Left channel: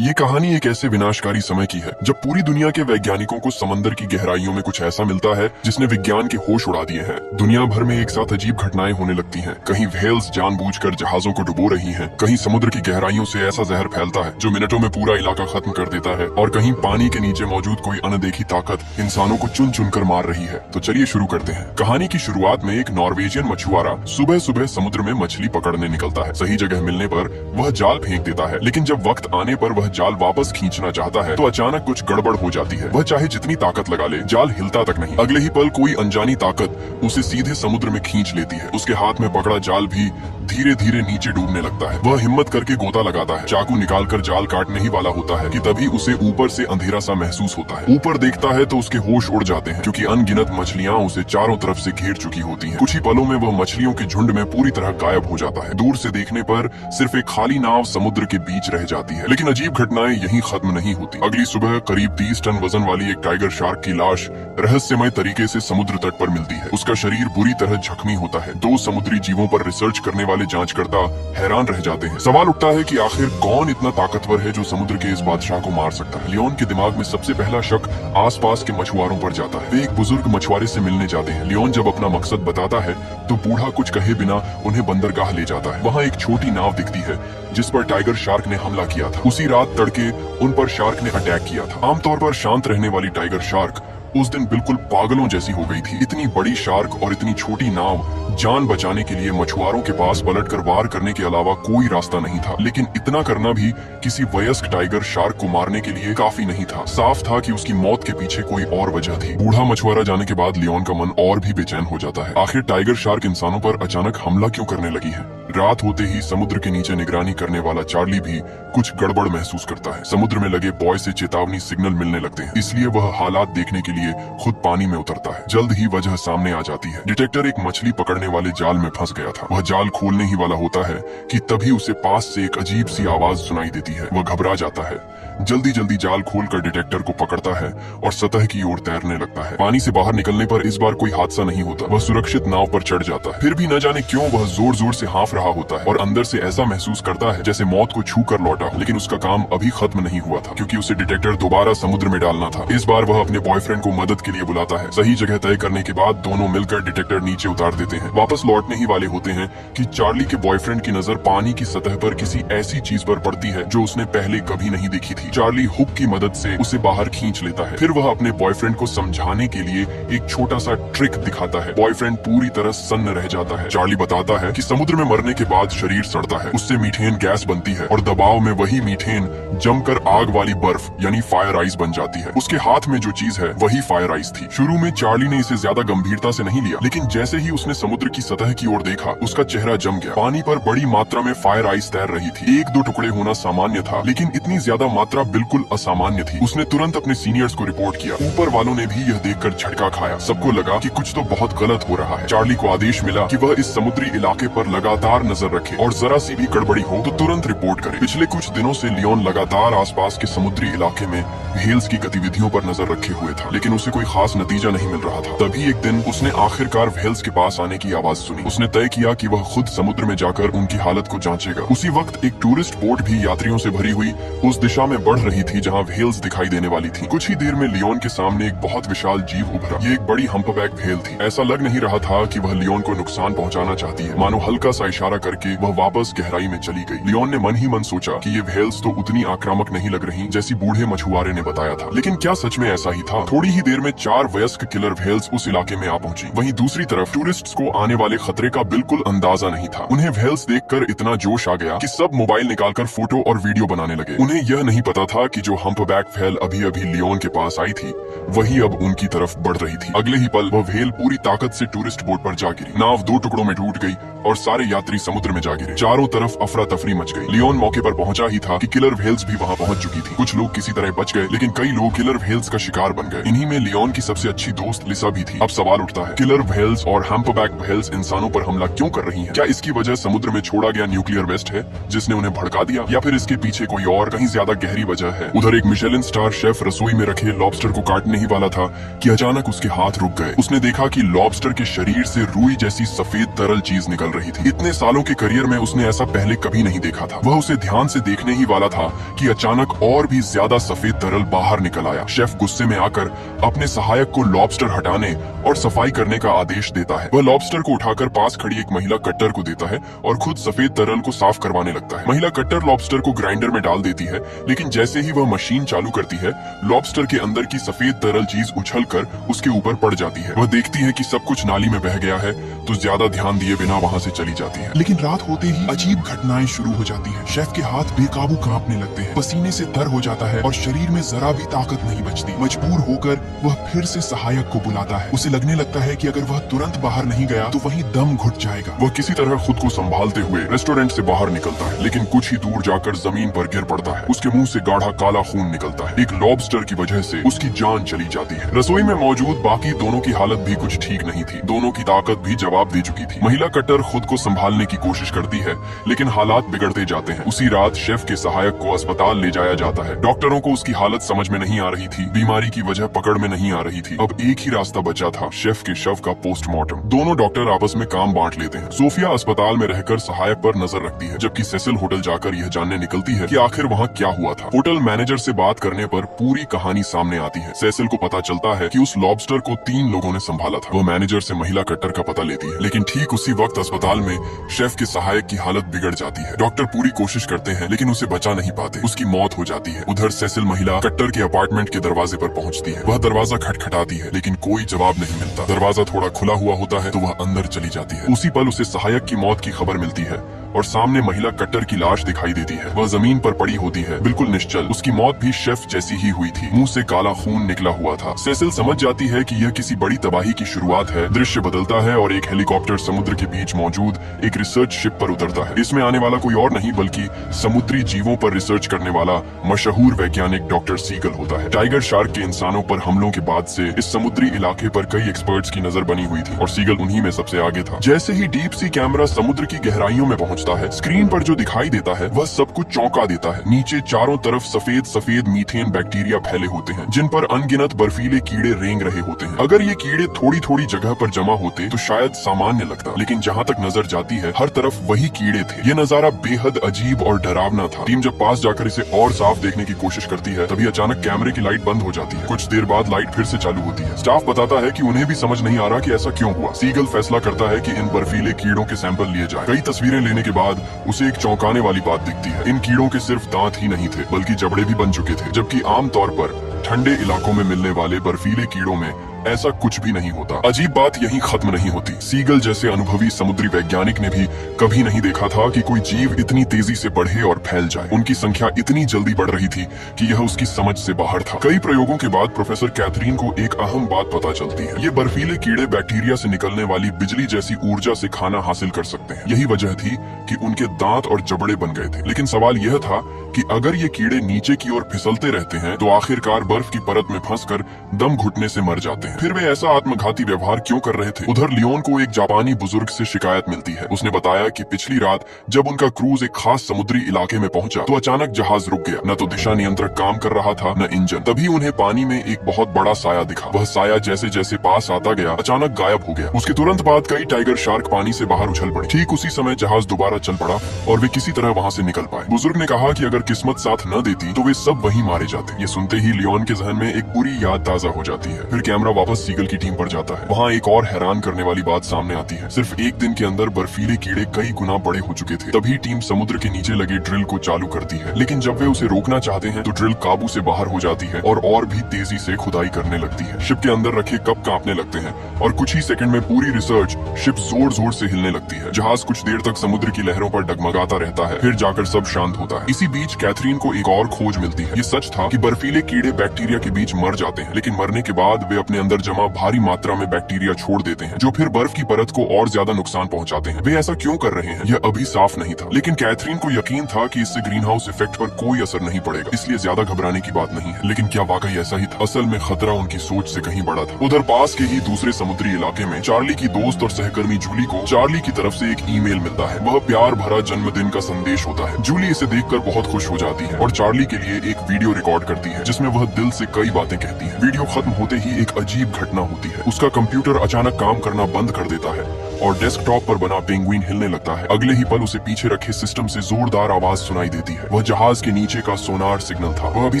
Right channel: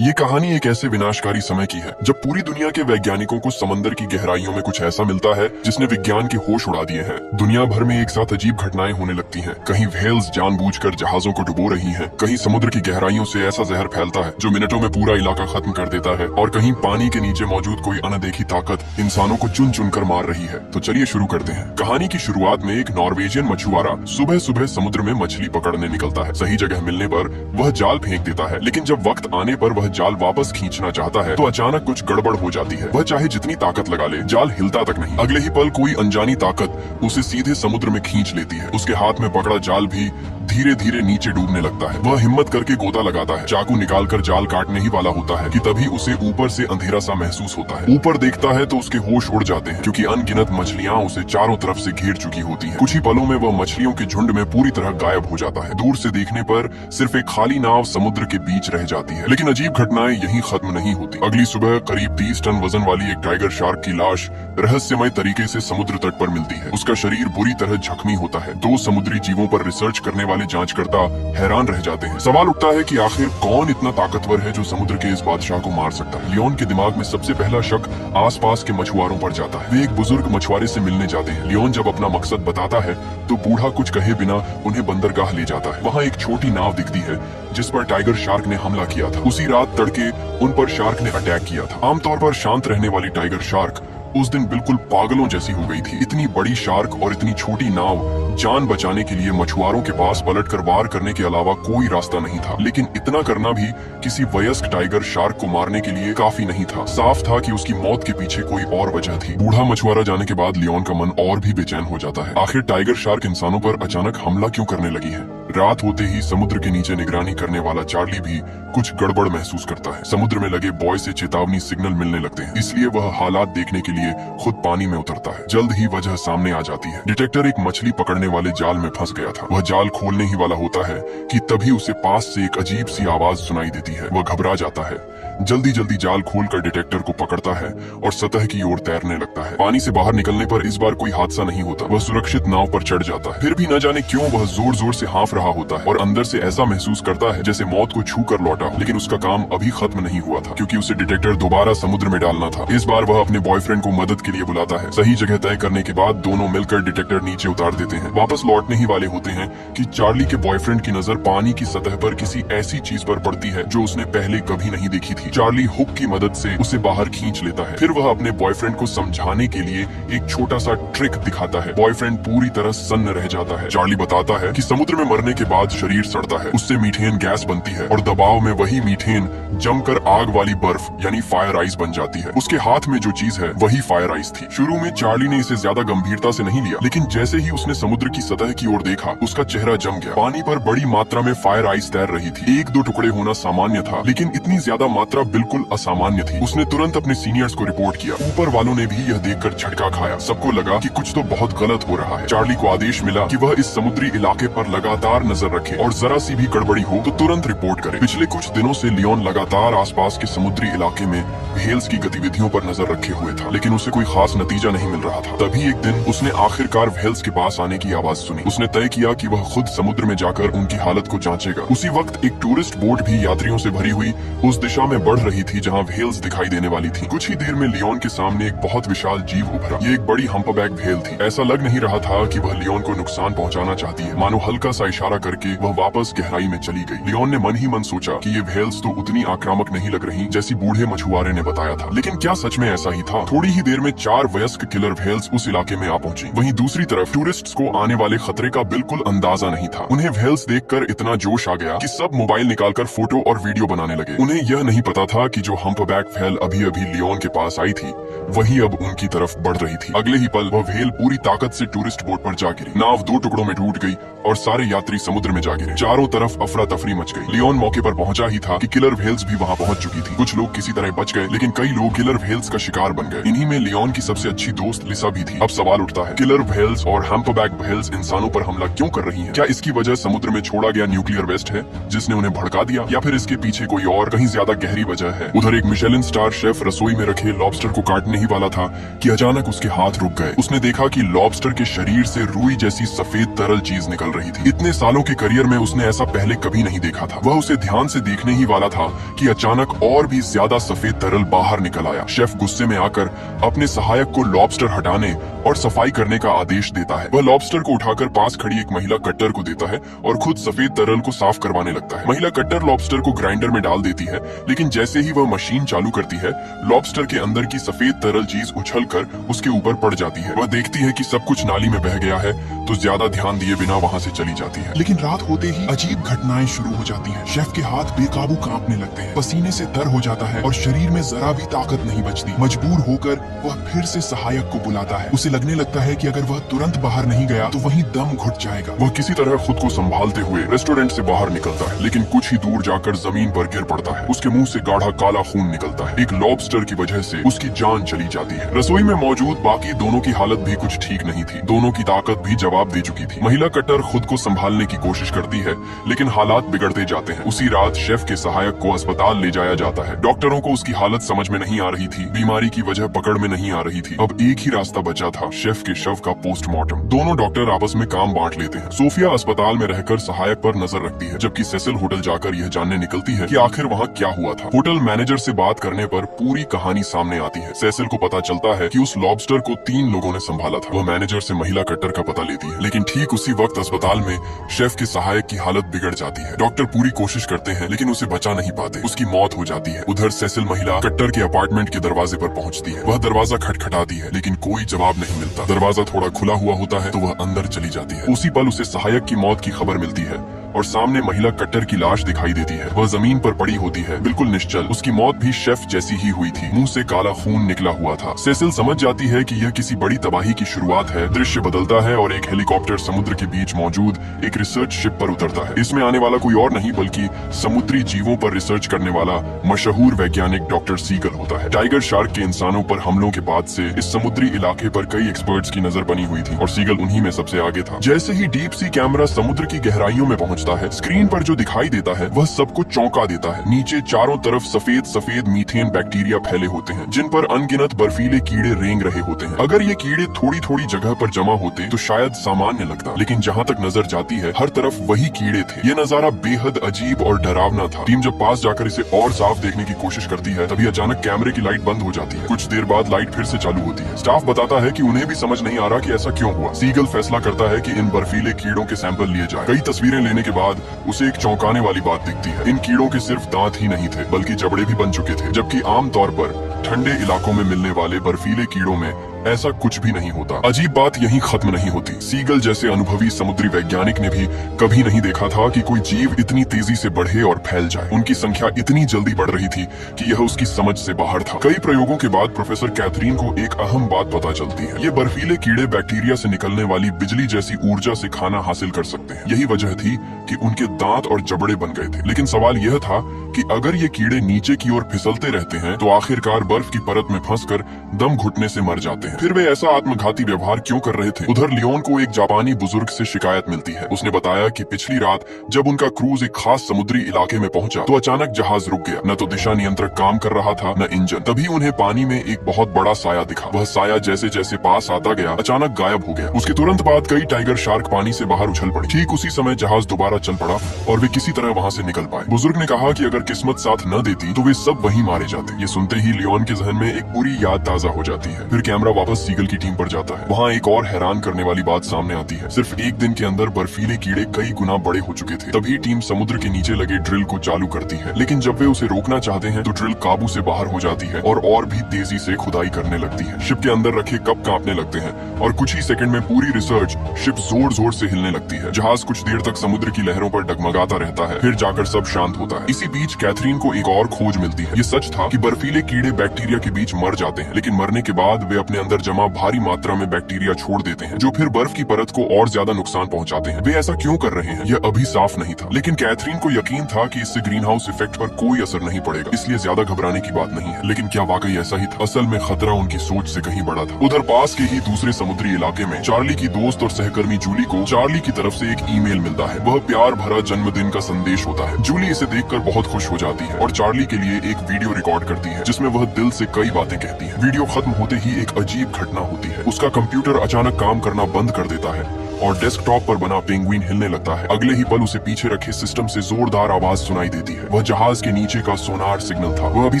ये कहानी एक ऐसे विनाशकारी समय की है जब पूरी दुनिया के वैज्ञानिकों को समंदर की गहराइयों में कुछ ऐसा मिलता है जिसने विज्ञान के होश उड़ा दिए हैं। दुनिया भर में एक साथ अजीब घटनाएं होने लगती हैं। कहीं व्हेल्स जानबूझकर जहाजों को डुबो रही हैं, कहीं समुद्र की गहराइयों से ऐसा जहर फैलता है जो मिनटों में पूरा इलाका खत्म कर देता है, और कहीं पानी के नीचे मौजूद कोई अनदेखी ताकत इंसानों को चुन चुन कर मार रही है। तो चलिए शुरू करते हैं। कहानी की शुरुआत में एक नॉर्वेजियन मछुआरा सुबह सुबह समुद्र में मछली पकड़ने निकलता है। सही जगह मिलने पर वह जाल फेंक देता है, लेकिन जब वक्त आने पर वह जाल वापस खींचना चाहता है तो अचानक कुछ गड़बड़ हो जाती है। वह चाहे जितनी ताकत लगा ले, जाल हिलता तक नहीं। अगले ही पल कोई अनजानी ताकत उसे सीधे समुद्र में खींच लेती है। उसके हाथ में पकड़ा जाल भी धीरे धीरे नीचे डूबने लगता है। वह हिम्मत करके गोता लगाता है, चाकू निकालकर जाल काटने ही वाला होता है कि तभी उसे ऊपर से अंधेरा सा महसूस होता है। ऊपर देखता है तो उसके होश उड़ जाते हैं, क्योंकि अनगिनत मछलियां उसे चारों तरफ से घेर चुकी होती हैं। कुछ ही पलों में वह मछलियों के झुंड में पूरी तरह गायब हो जाता है। दूर से देखने पर सिर्फ एक खाली नाव समुद्र के बीच रह जाती है। लेकिन अजीब घटनाएं यहीं खत्म नहीं होती। अगली सुबह करीब 30 टन वजन वाली एक टाइगर शार्क की लाश रहस्यमय तरीके से समुद्र तट पर मिलती है। उसका शरीर बुरी तरह जख्मी होता है। दो समुद्री जीवों पर रिसर्च करने वाले जांचकर्ता हैरान रह जाते हैं। सवाल उठता है कि आखिर कौन इतना ताकतवर है जो समुद्र के इस बादशाह को मार सकता है। लियोन के दिमाग में सबसे पहला शक आसपास के मछुआरों पर जाता है। वे एक बुजुर्ग मछुआरे से मिलने जाते हैं। लियोन जब अपना मकसद बताता है तो बूढ़ा कुछ कहे बिना उन्हें बंदरगाह ले जाता है। वहाँ एक छोटी नाव दिखती है जिस पर टाइगर शार्क ने हमला किया था। उसी रात तड़के उन पर शार्क ने अटैक किया था। आमतौर पर शांत रहने वाली टाइगर शार्क उस दिन बिल्कुल पागलों जैसी हो गई थी। इतनी बड़ी शार्क और इतनी छोटी नाव, जान बचाने के लिए मछुआरों के पास पलटकर वार करने के अलावा कोई रास्ता नहीं था। लेकिन इतना करना भी किसी वयस्क टाइगर शार्क को मारने के लिए काफी नहीं था। साफ था कि उसकी मौत के पीछे कोई और वजह थी। बूढ़ा मछुआरा जाने के बाद लियोन का मन और भी बेचैन हो जाता है। आखिर टाइगर शार्क इंसानों पर अचानक हमला क्यों करने लगी है? रात होते ही समुद्र के नीचे निगरानी करने वाला चार्ली भी कुछ गड़बड़ महसूस करता है। समुद्र में लगे बॉय से चेतावनी सिग्नल मिलने लगते हैं, इसलिए वह हालात देखने के लिए खुद पानी में उतरता है। जल्द ही वजह सामने आ जाती है। डिटेक्टर एक मछली पकड़ने वाले जाल में फंस गया था। वह जाल खोलने ही वाला होता है कि तभी उसे पास से एक अजीब सी आवाज सुनाई देती है। वह घबरा जाता है, जल्दी जल्दी जाल खोलकर डिटेक्टर को पकड़ता है और सतह की ओर तैरने लगता है। पानी से बाहर निकलने पर इस बार कोई हादसा नहीं होता। वह सुरक्षित नाव पर चढ़ जाता है। फिर भी न जाने क्यों वह जोर जोर से हाँफ रहा होता है और अंदर से ऐसा महसूस करता है जैसे मौत को छू कर लौटा। लेकिन उसका काम अभी खत्म नहीं हुआ था, क्योंकि उसे डिटेक्टर दोबारा समुद्र में डालना था। इस बार वह अपने बॉयफ्रेंड को मदद के लिए बुलाता है। सही जगह तय करने के बाद दोनों मिलकर डिटेक्टर नीचे उतार देते हैं। वापस लौटने ही वाले होते हैं कि चार्ली के बॉयफ्रेंड की नजर पानी की सतह पर किसी ऐसी चीज पर पड़ती है जो उसने पहले कभी नहीं देखी थी। चार्ली हुक की मदद से उसे बाहर खींच लेता है। फिर वह अपने बॉयफ्रेंड को समझाने के लिए एक छोटा सा ट्रिक दिखाता है। बॉयफ्रेंड पूरी तरह सन्न रह जाता है। चार्ली बताता है कि समुद्र में मरने के बाद शरीर सड़ता है, उससे मीथेन गैस बनती है और दबाव में वही मीथेन जमकर आग वाली बर्फ यानी फायर आइस बन जाती है। उसके हाथ में जो चीज है वही फायर आइस थी। शुरू में चार्ली ने इसे ज्यादा गंभीरता से नहीं लिया, लेकिन जैसे ही उसने समुद्र की सतह की ओर देखा, उसका चेहरा जम गया। पानी पर बड़ी मात्रा में फायर आइस तैर रही थी। एक दो टुकड़े होना सामान्य था, लेकिन इतनी ज्यादा मात्रा बिल्कुल असामान्य थी। उसने तुरंत अपने सीनियर्स को रिपोर्ट किया। ऊपर वालों ने भी यह देखकर झटका खाया। सबको लगा कि कुछ तो बहुत गलत हो रहा है। चार्ली को आदेश मिला कि वह इस समुद्री इलाके पर लगातार नजर रखे और जरा सी भी गड़बड़ी हो तो तुरंत रिपोर्ट करे। पिछले कुछ दिनों से लियोन लगातार आसपास के समुद्री इलाके में व्हेल्स की गतिविधियों पर नजर रखे हुए था, लेकिन उसे कोई खास नतीजा नहीं मिल रहा था। तभी एक दिन उसने आखिरकार व्हेल्स के पास आने की आवाज सुनी। उसने तय किया कि वह खुद समुद्र में जाकर उनकी हालत को जांचेगा। उसी वक्त एक टूरिस्ट बोट भी यात्रियों से भरी हुई उस दिशा में बढ़ रही थी जहाँ व्हेल्स दिखाई देने वाली थी। कुछ ही देर में लियोन के सामने एक बहुत विशाल जीव उभरा। ये एक बड़ी हम्पबैक व्हेल थी। ऐसा लग नहीं रहा था कि वह लियोन को नुकसान पहुंचाना चाहती है। मानो हल्का सा इशारा करके वह वापस गहराई में चली गई। लियोन ने मन ही मन सोचा कि ये व्हेल्स तो उतनी आक्रामक नहीं लग रही जैसी बूढ़े मछुआरे ने बताया था। लेकिन क्या सच में ऐसा ही था? थोड़ी ही देर में 4 वयस्क किलर व्हेल्स उस इलाके में आ पहुंची। वहीं दूसरी तरफ टूरिस्ट्स को आने वाले खतरे का बिल्कुल अंदाजा नहीं था। उन्हें व्हेल्स देखकर इतना जोश आ गया कि सब मोबाइल निकालकर फोटो और वीडियो बनाने लगे। उन्हें यह नहीं पता था कि जो हम्पबैक व्हेल अभी अभी लियोन के पास आई थी वही अब उनकी तरफ बढ़ रही थी। अगले ही पल वह व्हेल पूरी ताकत से टूरिस्ट बोट पर जा गिरी। नाव 2 टुकड़ों में टूट गई और सारे यात्री समुद्र में जा गिरे। चारों तरफ अफरा तफरी मच गई। लियोन मौके पर पहुंचा ही था कि किलर व्हेल्स भी वहां पहुंच चुकी थी। कुछ लोग किसी तरह बच गए, लेकिन कई लोग किलर व्हेल्स का शिकार बन गए। इन्हीं में लियोन की सबसे अच्छी दोस्त लिसा भी थी। अब सवाल उठता है, किलर व्हेल्स और हम्पबैक व्हेल्स इंसानों पर हमला क्यों कर रही हैं? क्या इसकी वजह समुद्र में छोड़ा गया न्यूक्लियर वेस्ट है जिसने उन्हें भड़का दिया, या फिर इसके पीछे कोई और कहीं ज्यादा गहरी वजह है? उधर एक मिशेलिन स्टार शेफ रसोई में रखे लॉबस्टर को काटने ही वाला था कि अचानक उसके हाथ रुक गए। उसने देखा कि लॉबस्टर के शरीर से रुई जैसी सफेद तरल चीज निकल रही थी। इतने सालों के करियर में उसने ऐसा पहले कभी नहीं देखा था। वह उसे ध्यान से देखने ही वाला था कि अचानक और भी ज्यादा सफेद तरल बाहर निकल आया। शेफ गुस्से में आकर अपने सहायक को लॉबस्टर हटाने और सफाई करने का आदेश देता है। वह लॉबस्टर को उठाकर पास खड़ी एक महिला कट्टर को देता है और खुद सफेद तरल को साफ करवाने लगता है। महिला कट्टर लॉबस्टर को ग्राइंडर में डाल देती है, लेकिन जैसे ही वह मशीन चालू करती है, लॉबस्टर के अंदर की सफेद तरल चीज उछलकर उसके ऊपर पड़ जाती है। वह देखती है कि सब कुछ नाली में बह गया है, तो ज्यादा ध्यान दिए बिना वहाँ से चली जाती है। लेकिन रात होते ही अजीब घटनाएं शुरू हो जाती हैं। शेफ के हाथ बेकाबू कांपने लगते हैं, पसीने से तर हो जाता है और शरीर में जरा भी ताकत नहीं बचती। मजबूर होकर वह फिर से सहायक को बुलाता है। उसे लगने लगता है कि अगर वह तुरंत बाहर नहीं गया तो वहीं दम घुट जाएगा। वह किसी तरह खुद को संभालते हुए रेस्टोरेंट से बाहर निकलता है, लेकिन कुछ ही दूर जाकर जमीन पर गिर पड़ता है। उसके मुंह से गाढ़ा काला खून निकलता है। एक लॉबस्टर की वजह से उसकी जान चली जाती है। रसोई में मौजूद बाकी दोनों की हालत भी कुछ ठीक नहीं थी। दोनों की ताकत भी जवाब दे चुकी थी। महिला कट्टर खुद को संभालने की कोशिश करती है, लेकिन हालात बिगड़ते जाते हैं। उसी रात शेफ के सहायक को अस्पताल ले जाया जाता है। डॉक्टरों को उसकी हालत समझ में नहीं आ रही थी, बीमारी की वजह पकड़ में नहीं आ रही थी। अब एक ही रास्ता बचा था, शेफ के शव का पोस्टमार्टम। दोनों डॉक्टर आपस में काम बांट लेते हैं। सोफिया अस्पताल में रहकर सहायक पर नजर रखती है, जबकि सेसिल होटल जाकर यह जानने निकलती है कि आखिर वहाँ क्या हुआ था। होटल मैनेजर से बात करने पर पूरी कहानी सामने आती है। सेसिल को पता चलता है कि उस लॉबस्टर को 3 लोगों ने संभाला था। वो मैनेजर से महिला कट्टर का पता लेती है, लेकिन ठीक उसी वक्त अस्पताल में शेफ के सहायक की हालत बिगड़ जाती है। डॉक्टर पूरी कोशिश करते हैं, लेकिन उसे बचा नहीं पाते। उसकी मौत हो जाती है। उधर सेसिल महिला कट्टर के अपार्टमेंट के दरवाजे पर पहुंचती है। वह दरवाजा खटखटाती है, लेकिन कोई जवाब नहीं मिलता। दरवाजा थोड़ा खुला हुआ होता है तो वह अंदर चली जाती है। उसी पल उसे सहायक की मौत की खबर मिलती है और सामने महिला कट्टर की लाश दिखाई देती है। वह जमीन पर पड़ी होती है, बिल्कुल निश्चल। उसकी मौत भी शेफ जैसी ही हुई थी। मुंह से काला खून निकला हुआ था। सेसिल समझ जाती है कि यह किसी बड़ी तबाही की शुरुआत है। दृश्य बदलता है और एक हेलीकॉप्टर समुद्र के बीच मौजूद एक रिसर्च शिप पर उतरता है। इसमें आने वाला कोई और नहीं बल्कि समुद्री जीवों पर रिसर्च करने वाला मशहूर वैज्ञानिक डॉक्टर सीगल होता है। टाइगर शार्क के इंसानों पर हमलों के बाद से इस समुद्री इलाके पर कई एक्सपर्ट्स की नजर बनी हुई थी और सीगल उन्हीं में सबसे आगे था। जैसे ही डीप सी कैमरा समुद्र की गहराइयों में पहुंचता है, स्क्रीन पर जो दिखाई देता है वह सबको चौंका देता है। नीचे चारों तरफ सफेद सफेद मीथेन बैक्टीरिया फैले होते हैं, जिन पर अनगिनत बर्फीले कीड़े रेंग रहे होते हैं। अगर ये कीड़े थोड़ी थोड़ी जगह पर जमा होते तो शायद सामान्य लगता, लेकिन जहाँ तक नजर जाती है हर तरफ वही कीड़े थे। ये नजारा बेहद अजीब और डरावना था। टीम जब पास जाकर इसे और साफ देखने की कोशिश करती है, तभी अचानक कैमरे की लाइट बंद हो जाती है। कुछ देर बाद लाइट फिर से चालू होती है। स्टाफ बताता है कि उन्हें भी समझ नहीं आ रहा कि ऐसा क्यों हुआ। सीगल फैसला करता है कि इन बर्फीले कीड़ों के सैंपल लिए जाए। कई तस्वीरें लेने के बाद उसे एक चौंकाने वाली बात दिखती है। इन कीड़ों के सिर्फ दांत ही नहीं थे, बल्कि जबड़े भी बन चुके थे, जबकि आमतौर पर ठंडे इलाकों में मिलने वाले बर्फीले कीड़ों में ऐसा कुछ भी नहीं होता। अजीब बात यहीं खत्म नहीं होती। सीगल जैसे अनुभवी समुद्री वैज्ञानिक ने भी कभी नहीं देखा था कि कोई जीव इतनी तेजी से बढ़े और फैल जाए। उनकी संख्या इतनी जल्दी बढ़ रही थी कि यह उसकी समझ से बाहर था। कई प्रयोगों के बाद प्रोफेसर कैथरीन को एक अहम बात पता चलती है। ये बर्फीले कीड़े बैक्टीरिया से निकलने वाली बिजली जैसी ऊर्जा से खाना हासिल कर सकते हैं। यही वजह थी कि उनके दांत और जबड़े बन गए थे। लेकिन सवाल यह था कि अगर ये कीड़े नीचे की ओर फिसलते रहते हैं तो आखिरकार बर्फ की परत में फंसकर दम घुटने से मर जाते हैं। फिर वे ऐसा आत्मघाती व्यवहार क्यों कर रहे थे? उधर लियोन को एक जापानी बुजुर्ग से शिकायत मिलती है। उसने बताया कि पिछली रात जब उनका क्रूज एक खास समुद्री इलाके में पहुंचा तो अचानक जहाज रुक गया। न तो दिशा नियंत्रक काम कर रहा था, न इंजन। तभी उन्हें पानी में एक बहुत बड़ा साया दिखा। वह साया जैसे जैसे पास आता गया अचानक गायब हो गया। उसके तुरंत बाद कई टाइगर शार्क पानी से बाहर उछल पड़े। ठीक उसी समय जहाज दोबारा चल पड़ा और वे किसी तरह वहाँ से निकल पाए। बुजुर्ग ने कहा कि अगर किस्मत साथ न देती तो वे सब वहीं मारे जाते। ये सुनते ही लियोन के जहन में एक बुरी याद ताजा हो जाती है। फिर कैमरा वापस सीगल की टीम पर जाता है। वहाँ एक और हैरान करने वाली बात सामने आती है। सिर्फ एक दिन के अंदर बर्फीले कीड़े कई गुना बड़े हो चुके थे। तभी टीम समुद्र के नीचे लगे ड्रिल को चालू करती है, लेकिन जब वे उसे रोकना चाहते हैं तो ड्रिल काबू से बाहर हो जाती है और भी तेजी से खुदाई करने लगती है। शिप के अंदर रखे कप कांपने लगते हैं और कुछ ही सेकंड में पूरी रिसर्च शिप जोर जोर से हिलने लगती है। जहाज कुछ देर तक समुद्र की लहरों पर डगमगाता रहता है, फिर जाकर सब शांत होता है। इसी बीच कैथरीन को एक और खोज मिलती है। ये सच था कि बर्फीले कीड़े बैक्टीरिया के बीच मर जाते हैं, लेकिन लेकिन मरने के बाद वे अपने अंदर जमा भारी मात्रा में बैक्टीरिया छोड़ देते हैं, जो फिर बर्फ की परत को और ज्यादा नुकसान पहुंचाते हैं। वे ऐसा क्यों कर रहे हैं यह अभी साफ नहीं था, लेकिन कैथरीन को यकीन था कि इससे ग्रीन हाउस इफेक्ट पर कोई असर नहीं पड़ेगा, इसलिए ज्यादा घबराने की बात नहीं है। लेकिन क्या वाकई ऐसा ही था? असल में खतरा उनकी सोच से कहीं बड़ा था। उधर पास के ही दूसरे समुद्री इलाके में चार्ली की दोस्त और सहकर्मी जूली को चार्ली की तरफ से एक ईमेल मिलता है। वह प्यार भरा जन्मदिन का संदेश होता है। जूली इसे देखकर बहुत खुश हो जाती है और चार्ली के लिए एक वीडियो रिकॉर्ड करती है, जिसमें वह दिल से कई बातें कहती है। वीडियो खत्म होते ही एक अजीब घटना होती है। उसका कंप्यूटर अचानक काम करना बंद कर देता है और डेस्कटॉप पर बना पेंगुइन हिलने लगता है। अगले ही पल उसे पीछे रखे सिस्टम से जोरदार आवाज सुनाई देती है। वह जहाज के नीचे का सोनार सिग्नल था। वह अभी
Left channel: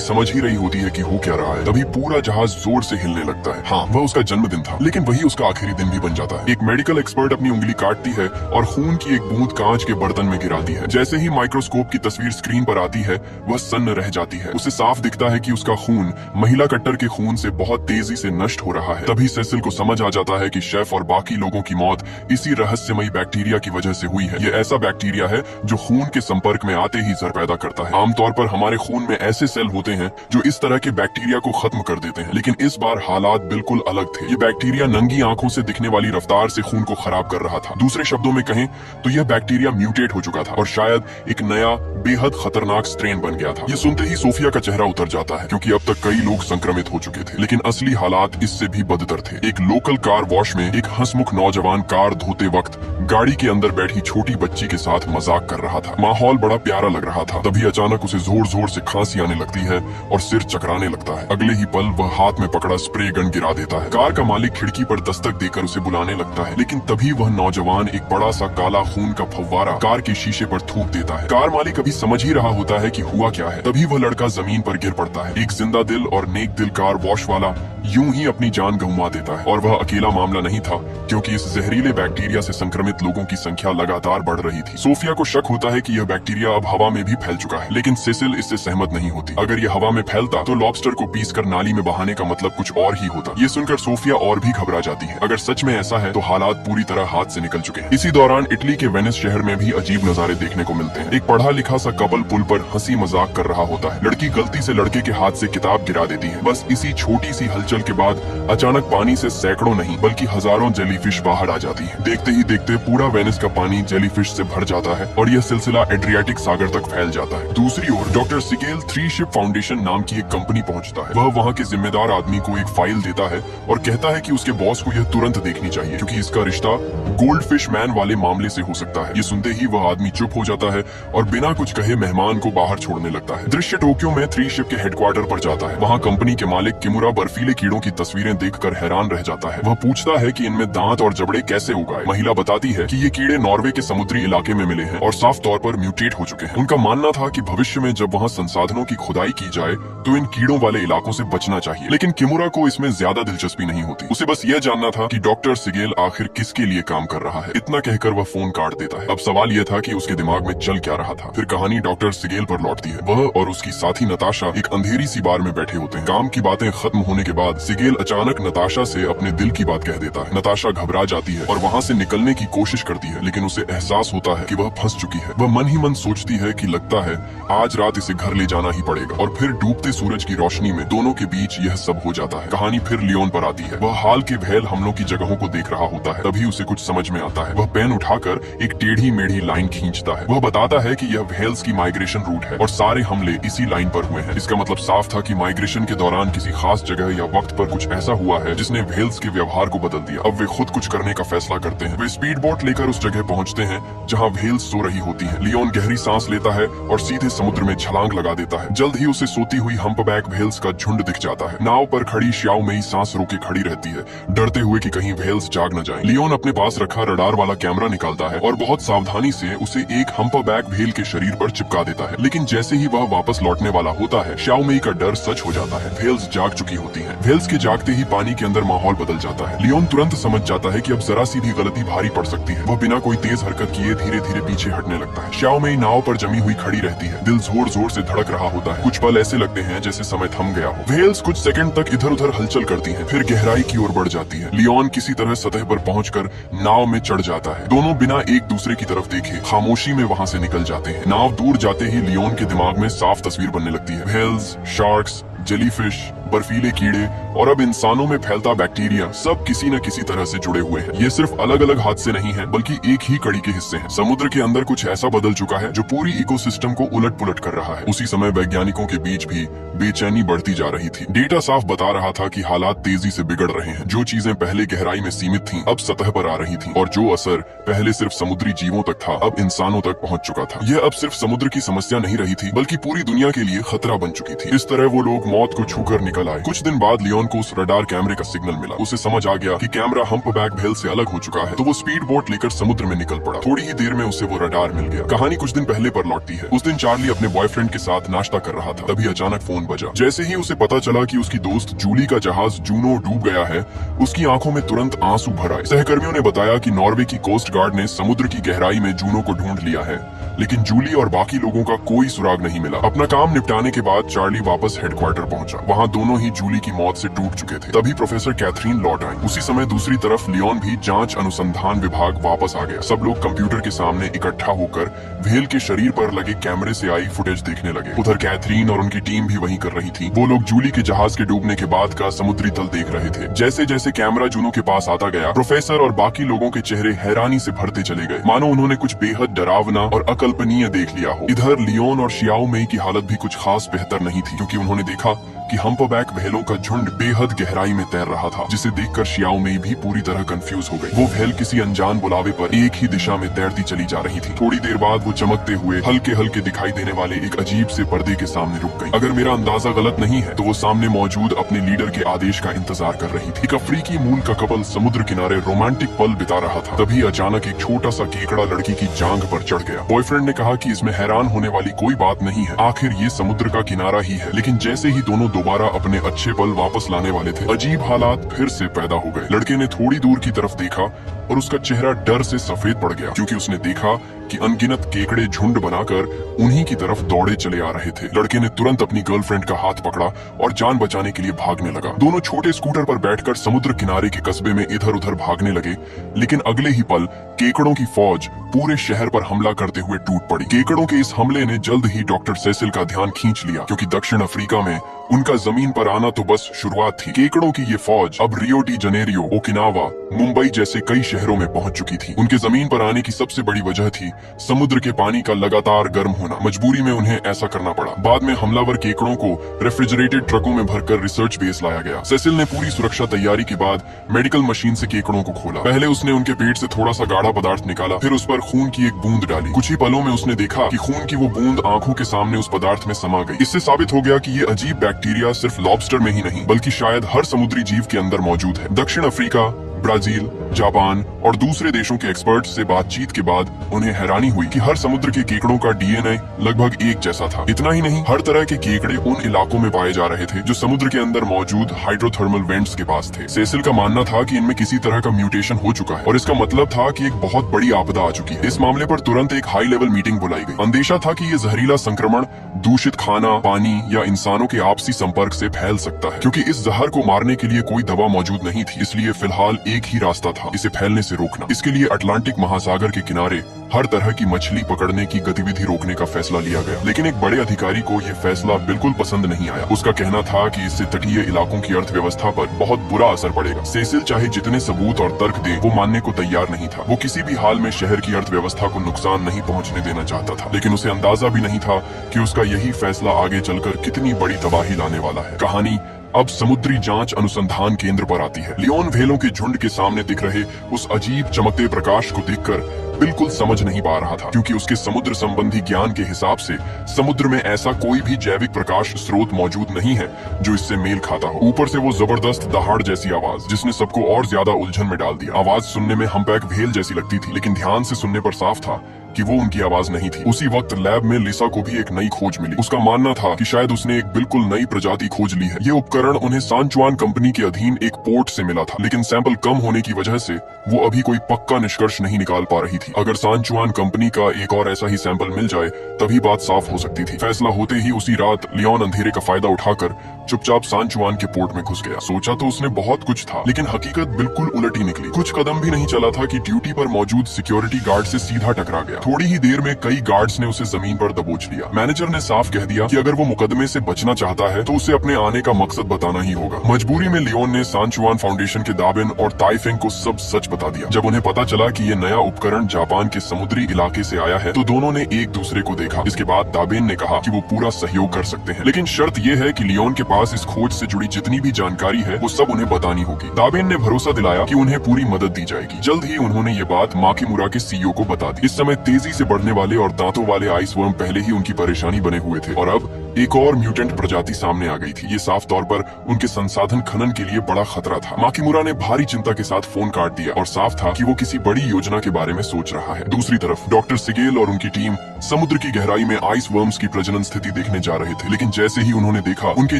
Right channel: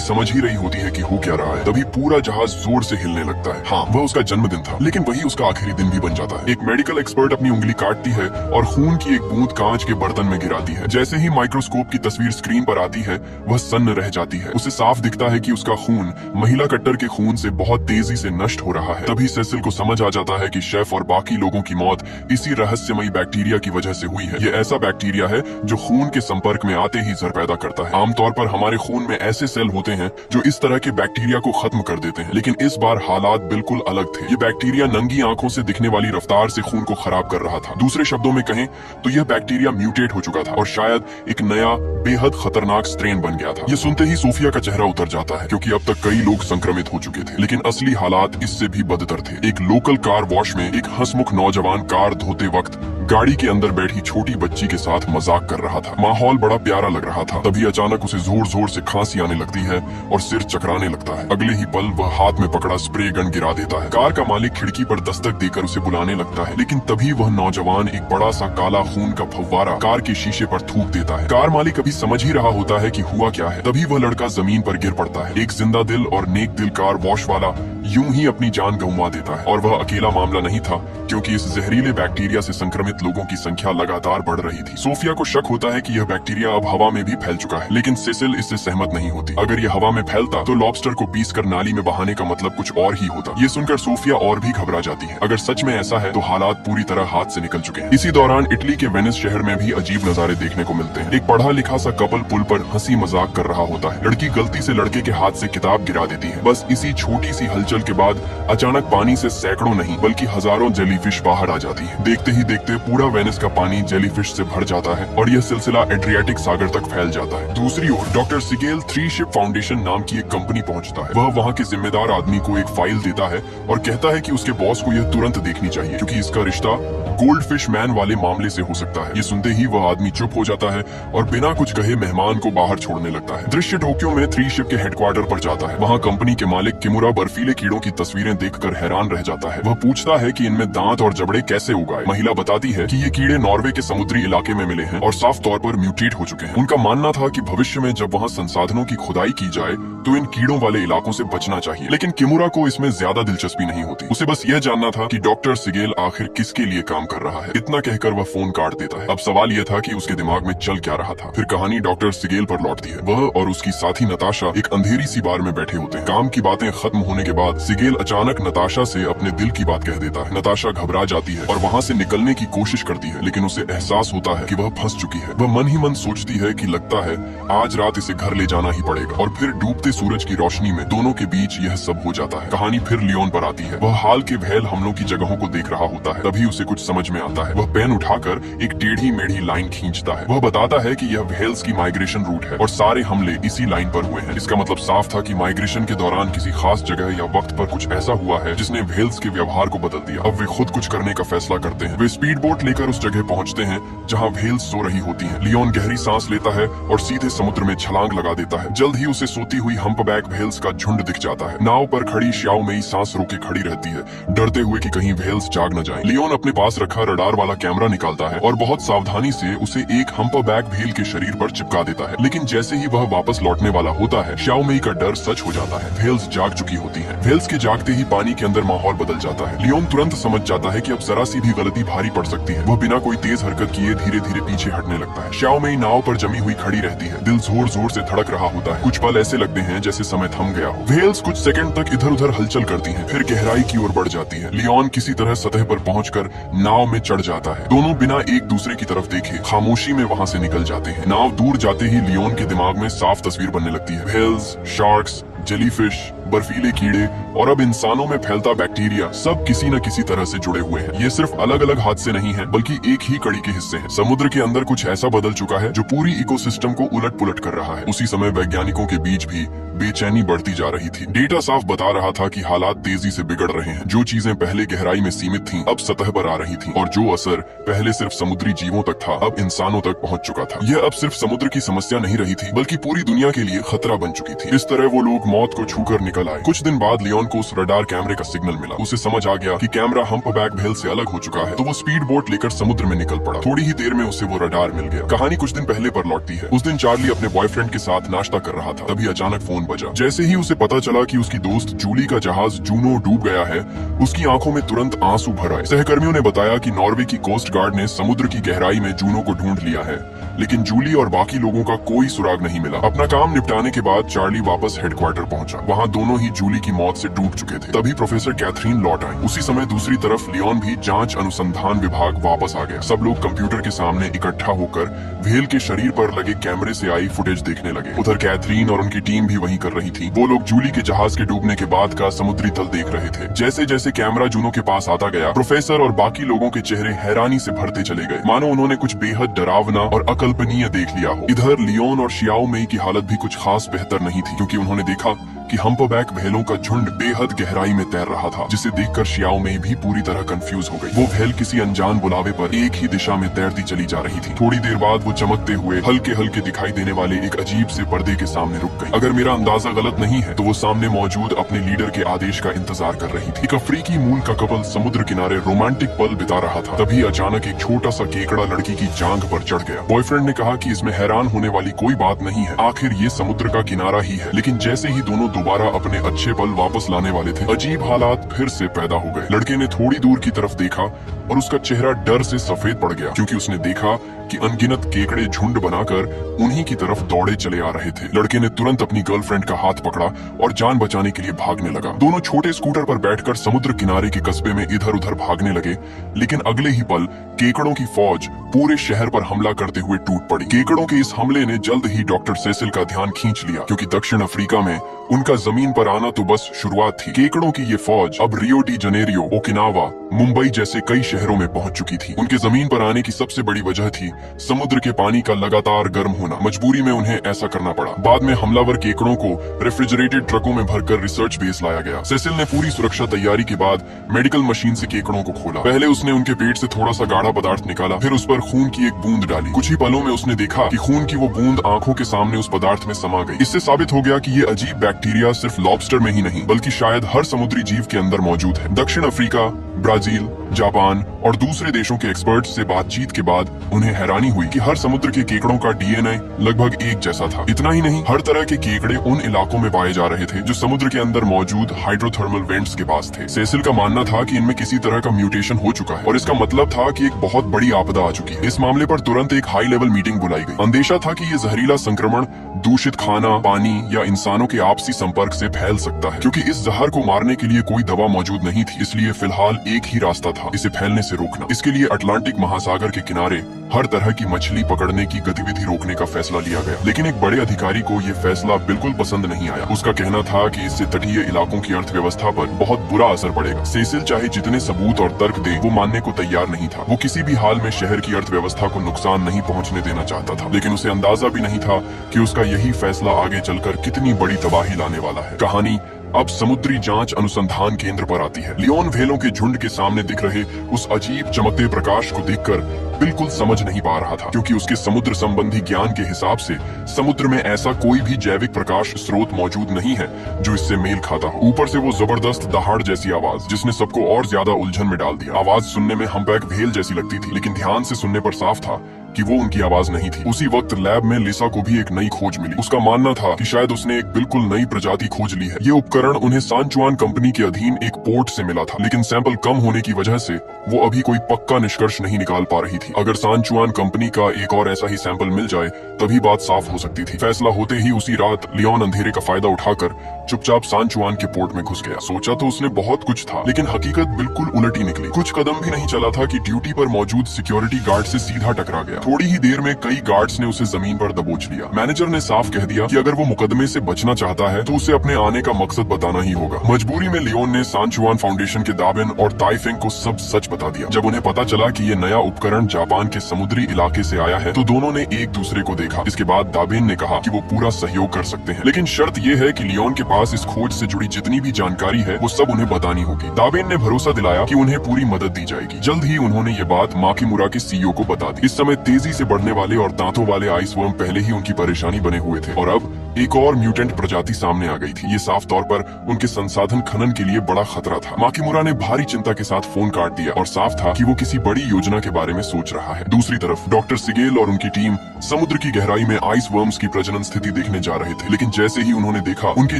समझ ही रही होती है कि हो क्या रहा है, तभी पूरा जहाज जोर से हिलने लगता है। हाँ, वह उसका जन्मदिन था, लेकिन वही उसका आखिरी दिन भी बन जाता है। एक मेडिकल एक्सपर्ट अपनी उंगली काटती है और खून की एक बूंद कांच के बर्तन में गिराती है। जैसे ही माइक्रोस्कोप की तस्वीर स्क्रीन पर आती है, वह सन्न रह जाती है। उसे साफ दिखता है कि उसका खून महिला कट्टर के खून से बहुत तेजी से नष्ट हो रहा है। तभी सेसिल को समझ आ जाता है कि शेफ और बाकी लोगों की मौत इसी रहस्यमयी बैक्टीरिया की वजह से हुई है। ये ऐसा बैक्टीरिया है जो खून के संपर्क में आते ही जहर पैदा करता है। आमतौर पर हमारे खून में ऐसे सेल होते हैं जो इस तरह के बैक्टीरिया को खत्म कर देते हैं, लेकिन इस बार हालात बिल्कुल अलग थे। ये बैक्टीरिया नंगी आंखों से दिखने वाली रफ्तार से खून को खराब कर रहा था। दूसरे शब्दों में कहें तो यह बैक्टीरिया म्यूटेट हो चुका था और शायद एक नया बेहद खतरनाक स्ट्रेन बन गया था। ये सुनते ही सोफिया का चेहरा उतर जाता है, क्योंकि अब तक कई लोग संक्रमित हो चुके थे, लेकिन असली हालात इससे भी बदतर थे। एक लोकल कार वॉश में एक हंसमुख नौजवान कार धोते वक्त गाड़ी के अंदर बैठी छोटी बच्ची के साथ मजाक कर रहा था। माहौल बड़ा प्यारा लग रहा था। तभी अचानक उसे जोर जोर से खांसी आने लगती है और सिर चकराने लगता है। अगले ही पल वह हाथ में पकड़ा स्प्रे गन गिरा देता है। कार का मालिक खिड़की पर दस्तक देकर उसे बुलाने लगता है, लेकिन तभी वह नौजवान एक बड़ा सा काला खून का फव्वारा कार के शीशे पर थूक देता है। कार मालिक अभी समझ ही रहा होता है कि हुआ क्या है। तभी वह लड़का जमीन पर गिर पड़ता है। एक जिंदा दिल और नेक दिल कार वॉश वाला यूं ही अपनी जान गंवा देता है। और वह अकेला मामला नहीं था, क्योंकि इस जहरीले बैक्टीरिया से संक्रमित लोगों की संख्या लगातार बढ़ रही थी। सोफिया को शक होता है कि यह बैक्टीरिया अब हवा में भी फैल चुका है, लेकिन सेसिल इससे सहमत नहीं होती। अगर यह हवा में फैलता तो लॉबस्टर को पीसकर नाली में बहाने का मतलब कुछ और ही होता। ये सुनकर सोफिया और भी घबरा जाती है। अगर सच में ऐसा है तो हालात पूरी तरह हाथ से निकल चुके हैं। इसी दौरान इटली के वेनिस शहर में भी अजीब नजारे देखने को मिलते हैं। एक पढ़ा लिखा सा कपल पुल पर हंसी मजाक कर रहा होता है। लड़की गलती से लड़के के हाथ से किताब गिरा देती है। बस इसी छोटी सी हलचल के बाद अचानक पानी से सैकड़ों नहीं बल्कि हजारों जेलीफिश बाहर आ जाती है। देखते ही देखते पूरा वेनिस का पानी जेलीफिश से भर जाता है और यह सिलसिला एड्रियाटिक सागर तक फैल जाता है। दूसरी ओर डॉक्टर सिगेल 3 शिप फाउंडेशन नाम की एक कंपनी पहुंचता है। वह वहां के जिम्मेदार आदमी को एक फाइल देता है और कहता है कि उसके बॉस को यह तुरंत देखनी चाहिए, क्योंकि इसका रिश्ता गोल्ड फिश मैन वाले मामले से हो सकता है। ये सुनते ही वह आदमी चुप हो जाता है और बिना कुछ कहे मेहमान को बाहर छोड़ने लगता है। दृश्य टोक्यो में 3 शिप के हेडक्वार्टर पर जाता है। वहाँ कंपनी के मालिक किमुरा बर्फीले कीड़ों की तस्वीरें देखकर हैरान रह जाता है। वह पूछता है कि इनमें दांत और जबड़े कैसे उगाए। महिला बताती है कि ये कीड़े नॉर्वे के समुद्री इलाके में मिले हैं और साफ तौर पर म्यूटेट हो चुके हैं। उनका मानना था कि भविष्य में जब वहाँ संसाधनों की खुदाई की जाए तो इन कीड़ों वाले इलाकों से बचना चाहिए। लेकिन किमुरा को इसमें ज्यादा दिलचस्पी नहीं होती। उसे बस ये जानना था कि डॉक्टर सिगेल आखिर किसके लिए काम कर रहा है। इतना कहकर वह फोन काट देता है। अब सवाल यह था कि उसके दिमाग में चल क्या रहा था। फिर कहानी डॉक्टर सिगेल पर लौटती है। वह और उसकी साथी नताशा एक अंधेरी सी बार में बैठे होते हैं। काम की बातें खत्म होने के बाद सिगेल अचानक नताशा से अपने दिल की बात कह देता है। नताशा घबरा जाती है और वहाँ से निकलने की कोशिश करती है, लेकिन उसे एहसास होता है कि वह फंस चुकी है। वह मन ही मन सोचती है कि लगता है आज रात इसे घर ले जाना ही पड़ेगा। और फिर डूबते सूरज की रोशनी में दोनों के बीच यह सब हो जाता है। कहानी फिर लियोन पर आती है। वह हाल के भेल हमलों की जगहों को देख रहा होता है। तभी उसे कुछ समझ में आता है। वह पेन उठाकर एक टेढ़ी मेढ़ी लाइन खींचता है। वह बताता है कि यह भेल्स की माइग्रेशन रूट है और सारे हमले इसी लाइन पर हुए हैं। इसका मतलब साफ था कि माइग्रेशन के दौरान किसी खास जगह या वक्त पर कुछ ऐसा हुआ है जिसने भेल्स के व्यवहार को बदल दिया। अब वे खुद कुछ करने का फैसला करते हैं। वे स्पीड बोट लेकर उस जगह पहुंचते हैं जहां भेल्स सो रही होती हैं। लियोन गहरी सांस लेता है और सीधे समुद्र में छलांग लगा देता है। जल्द ही उसे सोती हुई हम्पबैक भेल्स का झुंड दिख जाता है। नाव पर खड़ी श्याओ मेई सांस रोके खड़ी रहती है, डरते हुए कि कहीं भेल्स जाग न जाएं। लियोन अपने पास रखा रडार वाला कैमरा निकालता है और बहुत सावधानी से उसे एक हम्पबैक भेल के शरीर पर चिपका देता है। लेकिन जैसे ही वह वापस लौटने वाला होता है, श्याओ मेई का डर सच हो जाता है। भेल्स जाग चुकी होती है। भेल्स के जागते ही पानी के अंदर माहौल बदल जाता है। लियोन तुरंत समझ जाता है कि अब जरा सी भी गलती भारी पड़ सकती है। वह बिना कोई तेज हरकत किए धीरे धीरे पीछे हटने लगता है। श्याओ मेई नाव पर जमी हुई खड़ी रहती है। दिल जोर जोर से धड़क रहा होता है। कुछ पल ऐसे लगते हैं जैसे समय थम गया हो। व्हेल्स कुछ सेकंड तक इधर उधर हलचल करती हैं, फिर गहराई की ओर बढ़ जाती है। लियोन किसी तरह सतह पर पहुंचकर नाव में चढ़ जाता है। दोनों बिना एक दूसरे की तरफ देखे खामोशी में वहां से निकल जाते हैं। नाव दूर जाते ही लियोन के दिमाग में साफ तस्वीर बनने लगती है। व्हेल्स, शार्क्स, जेलीफिश, बर्फीले कीड़े और अब इंसानों में फैलता बैक्टीरिया सब किसी न किसी तरह से जुड़े हुए हैं। ये सिर्फ अलग अलग हादसे नहीं हैं, बल्कि एक ही कड़ी के हिस्से हैं। समुद्र के अंदर कुछ ऐसा बदल चुका है जो पूरी इकोसिस्टम को उलट पुलट कर रहा है। उसी समय वैज्ञानिकों के बीच भी बेचैनी बढ़ती जा रही थी। डेटा साफ बता रहा था कि हालात तेजी से बिगड़ रहे हैं। जो चीजें पहले गहराई में सीमित थीं, अब सतह पर आ रही थीं, और जो असर पहले सिर्फ समुद्री जीवों तक था, अब इंसानों तक पहुंच चुका था। यह अब सिर्फ समुद्र की समस्या नहीं रही थी, बल्कि पूरी दुनिया के लिए खतरा बन चुकी थी। इस तरह वो लोग मौत को छूकर निकल आए। कुछ दिन बाद लियोन को उस रडार कैमरे का सिग्नल मिला। उसे समझ आ गया कि कैमरा हम्पबैक व्हेल से अलग हो चुका है, तो वो स्पीड बोट लेकर समुद्र में निकल पड़ा। थोड़ी ही देर में उसे वो रडार मिल गया। कहानी कुछ दिन पहले पर लौटती है। उस दिन चार्ली अपने बॉयफ्रेंड के साथ नाश्ता कर रहा था, तभी अचानक फोन बजा। जैसे ही उसे पता चला कि उसकी दोस्त जूली का जहाज जूनो डूब गया है, उसकी आंखों में तुरंत आंसू भर आए। सहकर्मियों ने बताया कि नॉर्वे की कोस्ट गार्ड ने समुद्र की गहराई में जूनो को ढूंढ लिया है, लेकिन जूली और बाकी लोगों का कोई सुराग नहीं मिला। अपना काम निपटाने के बाद चार्ली वापस हेडक्वार्टर पहुंचा। वहां दोनों ही जूली की मौत से डूब चुके थे। तभी प्रोफेसर कैथरीन लौट आई। उसी समय दूसरी तरफ लियोन भी जांच अनुसंधान विभाग वापस आ गया। सब लोग कंप्यूटर के सामने इकट्ठा होकर व्हेल के शरीर पर लगे कैमरे से आई फुटेज देखने लगे। उधर कैथरीन और उनकी टीम भी वही कर रही थी। वो लोग जूली के जहाज के डूबने के बाद का समुद्री तल देख रहे थे। जैसे जैसे कैमरा जूनो के पास आता गया, प्रोफेसर और बाकी लोगों के चेहरे हैरानी से भरते चले गए, मानो उन्होंने कुछ बेहद डरावना और अकल्पनीय देख लिया हो। इधर लियोन और शियाओ मेई की हालत भी कुछ खास बेहतर नहीं थी, क्योंकि उन्होंने देखा कि हम्पबैक व्हेलों का झुंड बेहद गहराई में तैर रहा था, जिसे देखकर शियाओ मेई भी पूरी तरह कंफ्यूज हो गई। वो व्हेल किसी अनजान बुलावे पर एक ही दिशा में तैरती चली जा रही थी। थोड़ी देर बाद वो चमकते हुए हल्के हल्के दिखाई देने वाले एक अजीब से पर्दे के सामने रुक गई। अगर मेरा अंदाजा गलत नहीं है, तो वो सामने मौजूद अपने लीडर के आदेश का इंतजार कर रही थी। एक अफ्रीकी मूल का कपल समुद्र किनारे रोमांटिक पल बिता रहा था। तभी अचानक एक छोटा सा केकड़ा लड़की की जांघ पर चढ़ गया। बॉयफ्रेंड ने कहा कि इसमें हैरान होने वाली कोई बात नहीं है, आखिर ये समुद्र का किनारा ही है। लेकिन जैसे ही दोनों दोबारा अपने अच्छे पल वापस लाने वाले थे, अजीब हालात फिर से पैदा हो गए। लड़के ने थोड़ी दूर की तरफ देखा और उसका चेहरा डर से सफेद पड़ गया, क्योंकि उसने देखा कि अनगिनत केकड़े झुंड बनाकर उन्हीं की तरफ दौड़े चले आ रहे थे। लड़के ने तुरंत अपनी गर्लफ्रेंड का हाथ पकड़ा और जान बचाने के लिए भागने लगा। दोनों छोटे स्कूटर पर बैठकर समुद्र किनारे के कस्बे में इधर उधर भागने लगे, लेकिन अगले ही पल केकड़ों की फौज पूरे शहर पर हमला करते हुए टूट पड़ी। केकड़ों के इस हमले ने जल्द ही डॉक्टर सेसिल का ध्यान खींच लिया, क्योंकि दक्षिण अफ्रीका में उनका जमीन पर आना तो बस शुरुआत थी। केकड़ों की ये फौज अब Rio de Janeiro, Okinawa, Mumbai जैसे कई शहरों में पहुंच चुकी थी। उनके जमीन पर आने की सबसे बड़ी वजह थी समुद्र के पानी का लगातार गर्म होना। मजबूरी में उन्हें ऐसा करना पड़ा। बाद में हमलावर केकड़ों को रेफ्रिजरेटेड ट्रकों में भरकर रिसर्च बेस लाया गया। सेसिल ने पूरी सुरक्षा तैयारी के बाद मेडिकल मशीन से केकड़ों को खोला। पहले उसने उनके पेट से थोड़ा सा गाढ़ा पदार्थ निकाला, फिर उस पर खून की एक बूंद डाली। कुछ ही पलों में उसने देखा कि खून की वो बूंद आंखों के सामने उस पदार्थ में समा गई। इससे साबित हो गया कि ये अजीब बैक्टीरिया सिर्फ लॉबस्टर में ही नहीं, बल्कि शायद हर समुद्री जीव के अंदर मौजूद है। दक्षिण अफ्रीका, ब्राजील, जापान और दूसरे देशों के एक्सपर्ट से बातचीत के बाद उन्हें हैरानी हुई कि हर समुद्र के केकड़ों का डीएनए लगभग एक जैसा था। इतना ही नहीं, हर तरह के केकड़े उन इलाकों में पाए जा रहे थे जो समुद्र के अंदर मौजूद हाइड्रोथर्मल वेंट्स के पास थे। सेसिल का मानना था कि इनमें किसी तरह का म्यूटेशन हो चुका है और इसका मतलब था कि एक बहुत बड़ी आपदा आ चुकी है। इस मामले पर तुरंत एक हाई लेवल मीटिंग बुलाई गई। अंदेशा था कि ये जहरीला संक्रमण दूषित खाना, पानी या इंसानों के आपसी संपर्क से फैल सकता है। क्योंकि इस जहर को मारने के लिए कोई दवा मौजूद नहीं थी, इसलिए फिलहाल एक ही रास्ता था, इसे फैलने से रोकना। इसके लिए अटलांटिक महासागर के किनारे हर तरह की मछली पकड़ने की गतिविधि रोकने का फैसला लिया गया। लेकिन एक बड़े अधिकारी को यह फैसला बिल्कुल पसंद नहीं आया। उसका कहना था कि इससे तटीय इलाकों की अर्थव्यवस्था पर बहुत बुरा असर पड़ेगा। सेसिल चाहे जितने सबूत और तर्क दे, वो मानने को तैयार नहीं था। वो किसी भी हाल में शहर की अर्थव्यवस्था को नुकसान नहीं पहुंचने देना चाहता था, लेकिन उसे अंदाजा भी नहीं था कि उसका यही फैसला आगे चलकर कितनी बड़ी तबाही लाने वाला है। कहानी अब समुद्री जांच अनुसंधान केंद्र पर आती है। लियोन व्हेलों के झुंड के सामने दिख रहे उस अजीब चमकते प्रकाश को देखकर बिल्कुल समझ नहीं पा रहा था, क्योंकि उसके समुद्र संबंधी ज्ञान के हिसाब से समुद्र में ऐसा कोई भी जैविक प्रकाश स्रोत मौजूद नहीं है जो इससे मेल खाता हो। ऊपर से वो जबरदस्त दहाड़ जैसी आवाज, जिसने सबको और ज्यादा उलझन में डाल दिया। आवाज सुनने में हम्पबैक व्हेल जैसी लगती थी, लेकिन ध्यान से सुनने पर साफ था कि वो उनकी आवाज नहीं थी। उसी वक्त लैब में लिसा को भी एक नई खोज मिली। उसका मानना था कि शायद उसने एक बिल्कुल नई प्रजाति खोज ली है। ये उपकरण उन्हें सांचुआन कंपनी के अधीन एक पोर्ट से मिला था, लेकिन सैंपल कम होने की वजह से वो अभी कोई पक्का निष्कर्ष नहीं निकाल पा रही थी। अगर सांचुआन कंपनी का एक और ऐसा ही सैंपल मिल जाए तभी बात साफ हो सकती थी। फैसला होते ही उसी रात लियोन अंधेरे का फायदा उठाकर चुपचाप सांचुआन के पोर्ट में घुस गया। सोचा तो उसने बहुत कुछ था, लेकिन हकीकत बिल्कुल उलट ही निकली। कुछ कदम भी नहीं चला था कि ड्यूटी पर मौजूद सिक्योरिटी गार्ड से सीधा टकरा गया। थोड़ी ही देर में कई गार्ड्स ने उसे जमीन पर दबोच लिया। मैनेजर ने साफ कह दिया कि अगर वो मुकदमे से बचना चाहता है तो उसे अपने आने का मकसद बताना ही होगा। मजबूरी में लियोन ने सांचुआन फाउंडेशन के दाबिन और ताइफेंग को सब सच बता दिया। जब उन्हें पता चला कि ये नया उपकरण जापान के समुद्री इलाके से आया है तो दोनों ने एक दूसरे को देखा। इसके बाद दाबिन ने कहा कि वो पूरा सहयोग कर सकते हैं, लेकिन शर्त ये है कि लियोन के पास इस खोज से जुड़ी जितनी भी जानकारी है वो सब उन्हें बतानी होगी। दाबिन ने भरोसा दिलाया कि उन्हें पूरी मदद दी जाएगी। जल्द ही उन्होंने ये बात माकिमुरा के सीईओ को बता दी। इस समय तेजी से बढ़ने वाले और दांतों वाले आइस वर्म पहले ही उनकी परेशानी बने हुए थे और अब एक और म्यूटेंट प्रजाति सामने आ गई थी। ये साफ तौर पर उनके संसाधन खनन के लिए बड़ा खतरा था। माकिमुरा ने भारी चिंता के साथ फोन काट दिया और साफ था कि वो किसी बड़ी योजना के बारे में सोच रहा है। दूसरी तरफ डॉक्टर सिगेल और उनकी टीम समुद्र की गहराई में आइस वर्म्स की प्रजनन स्थिति देखने जा रहे थे, लेकिन जैसे ही उन्होंने देखा उनके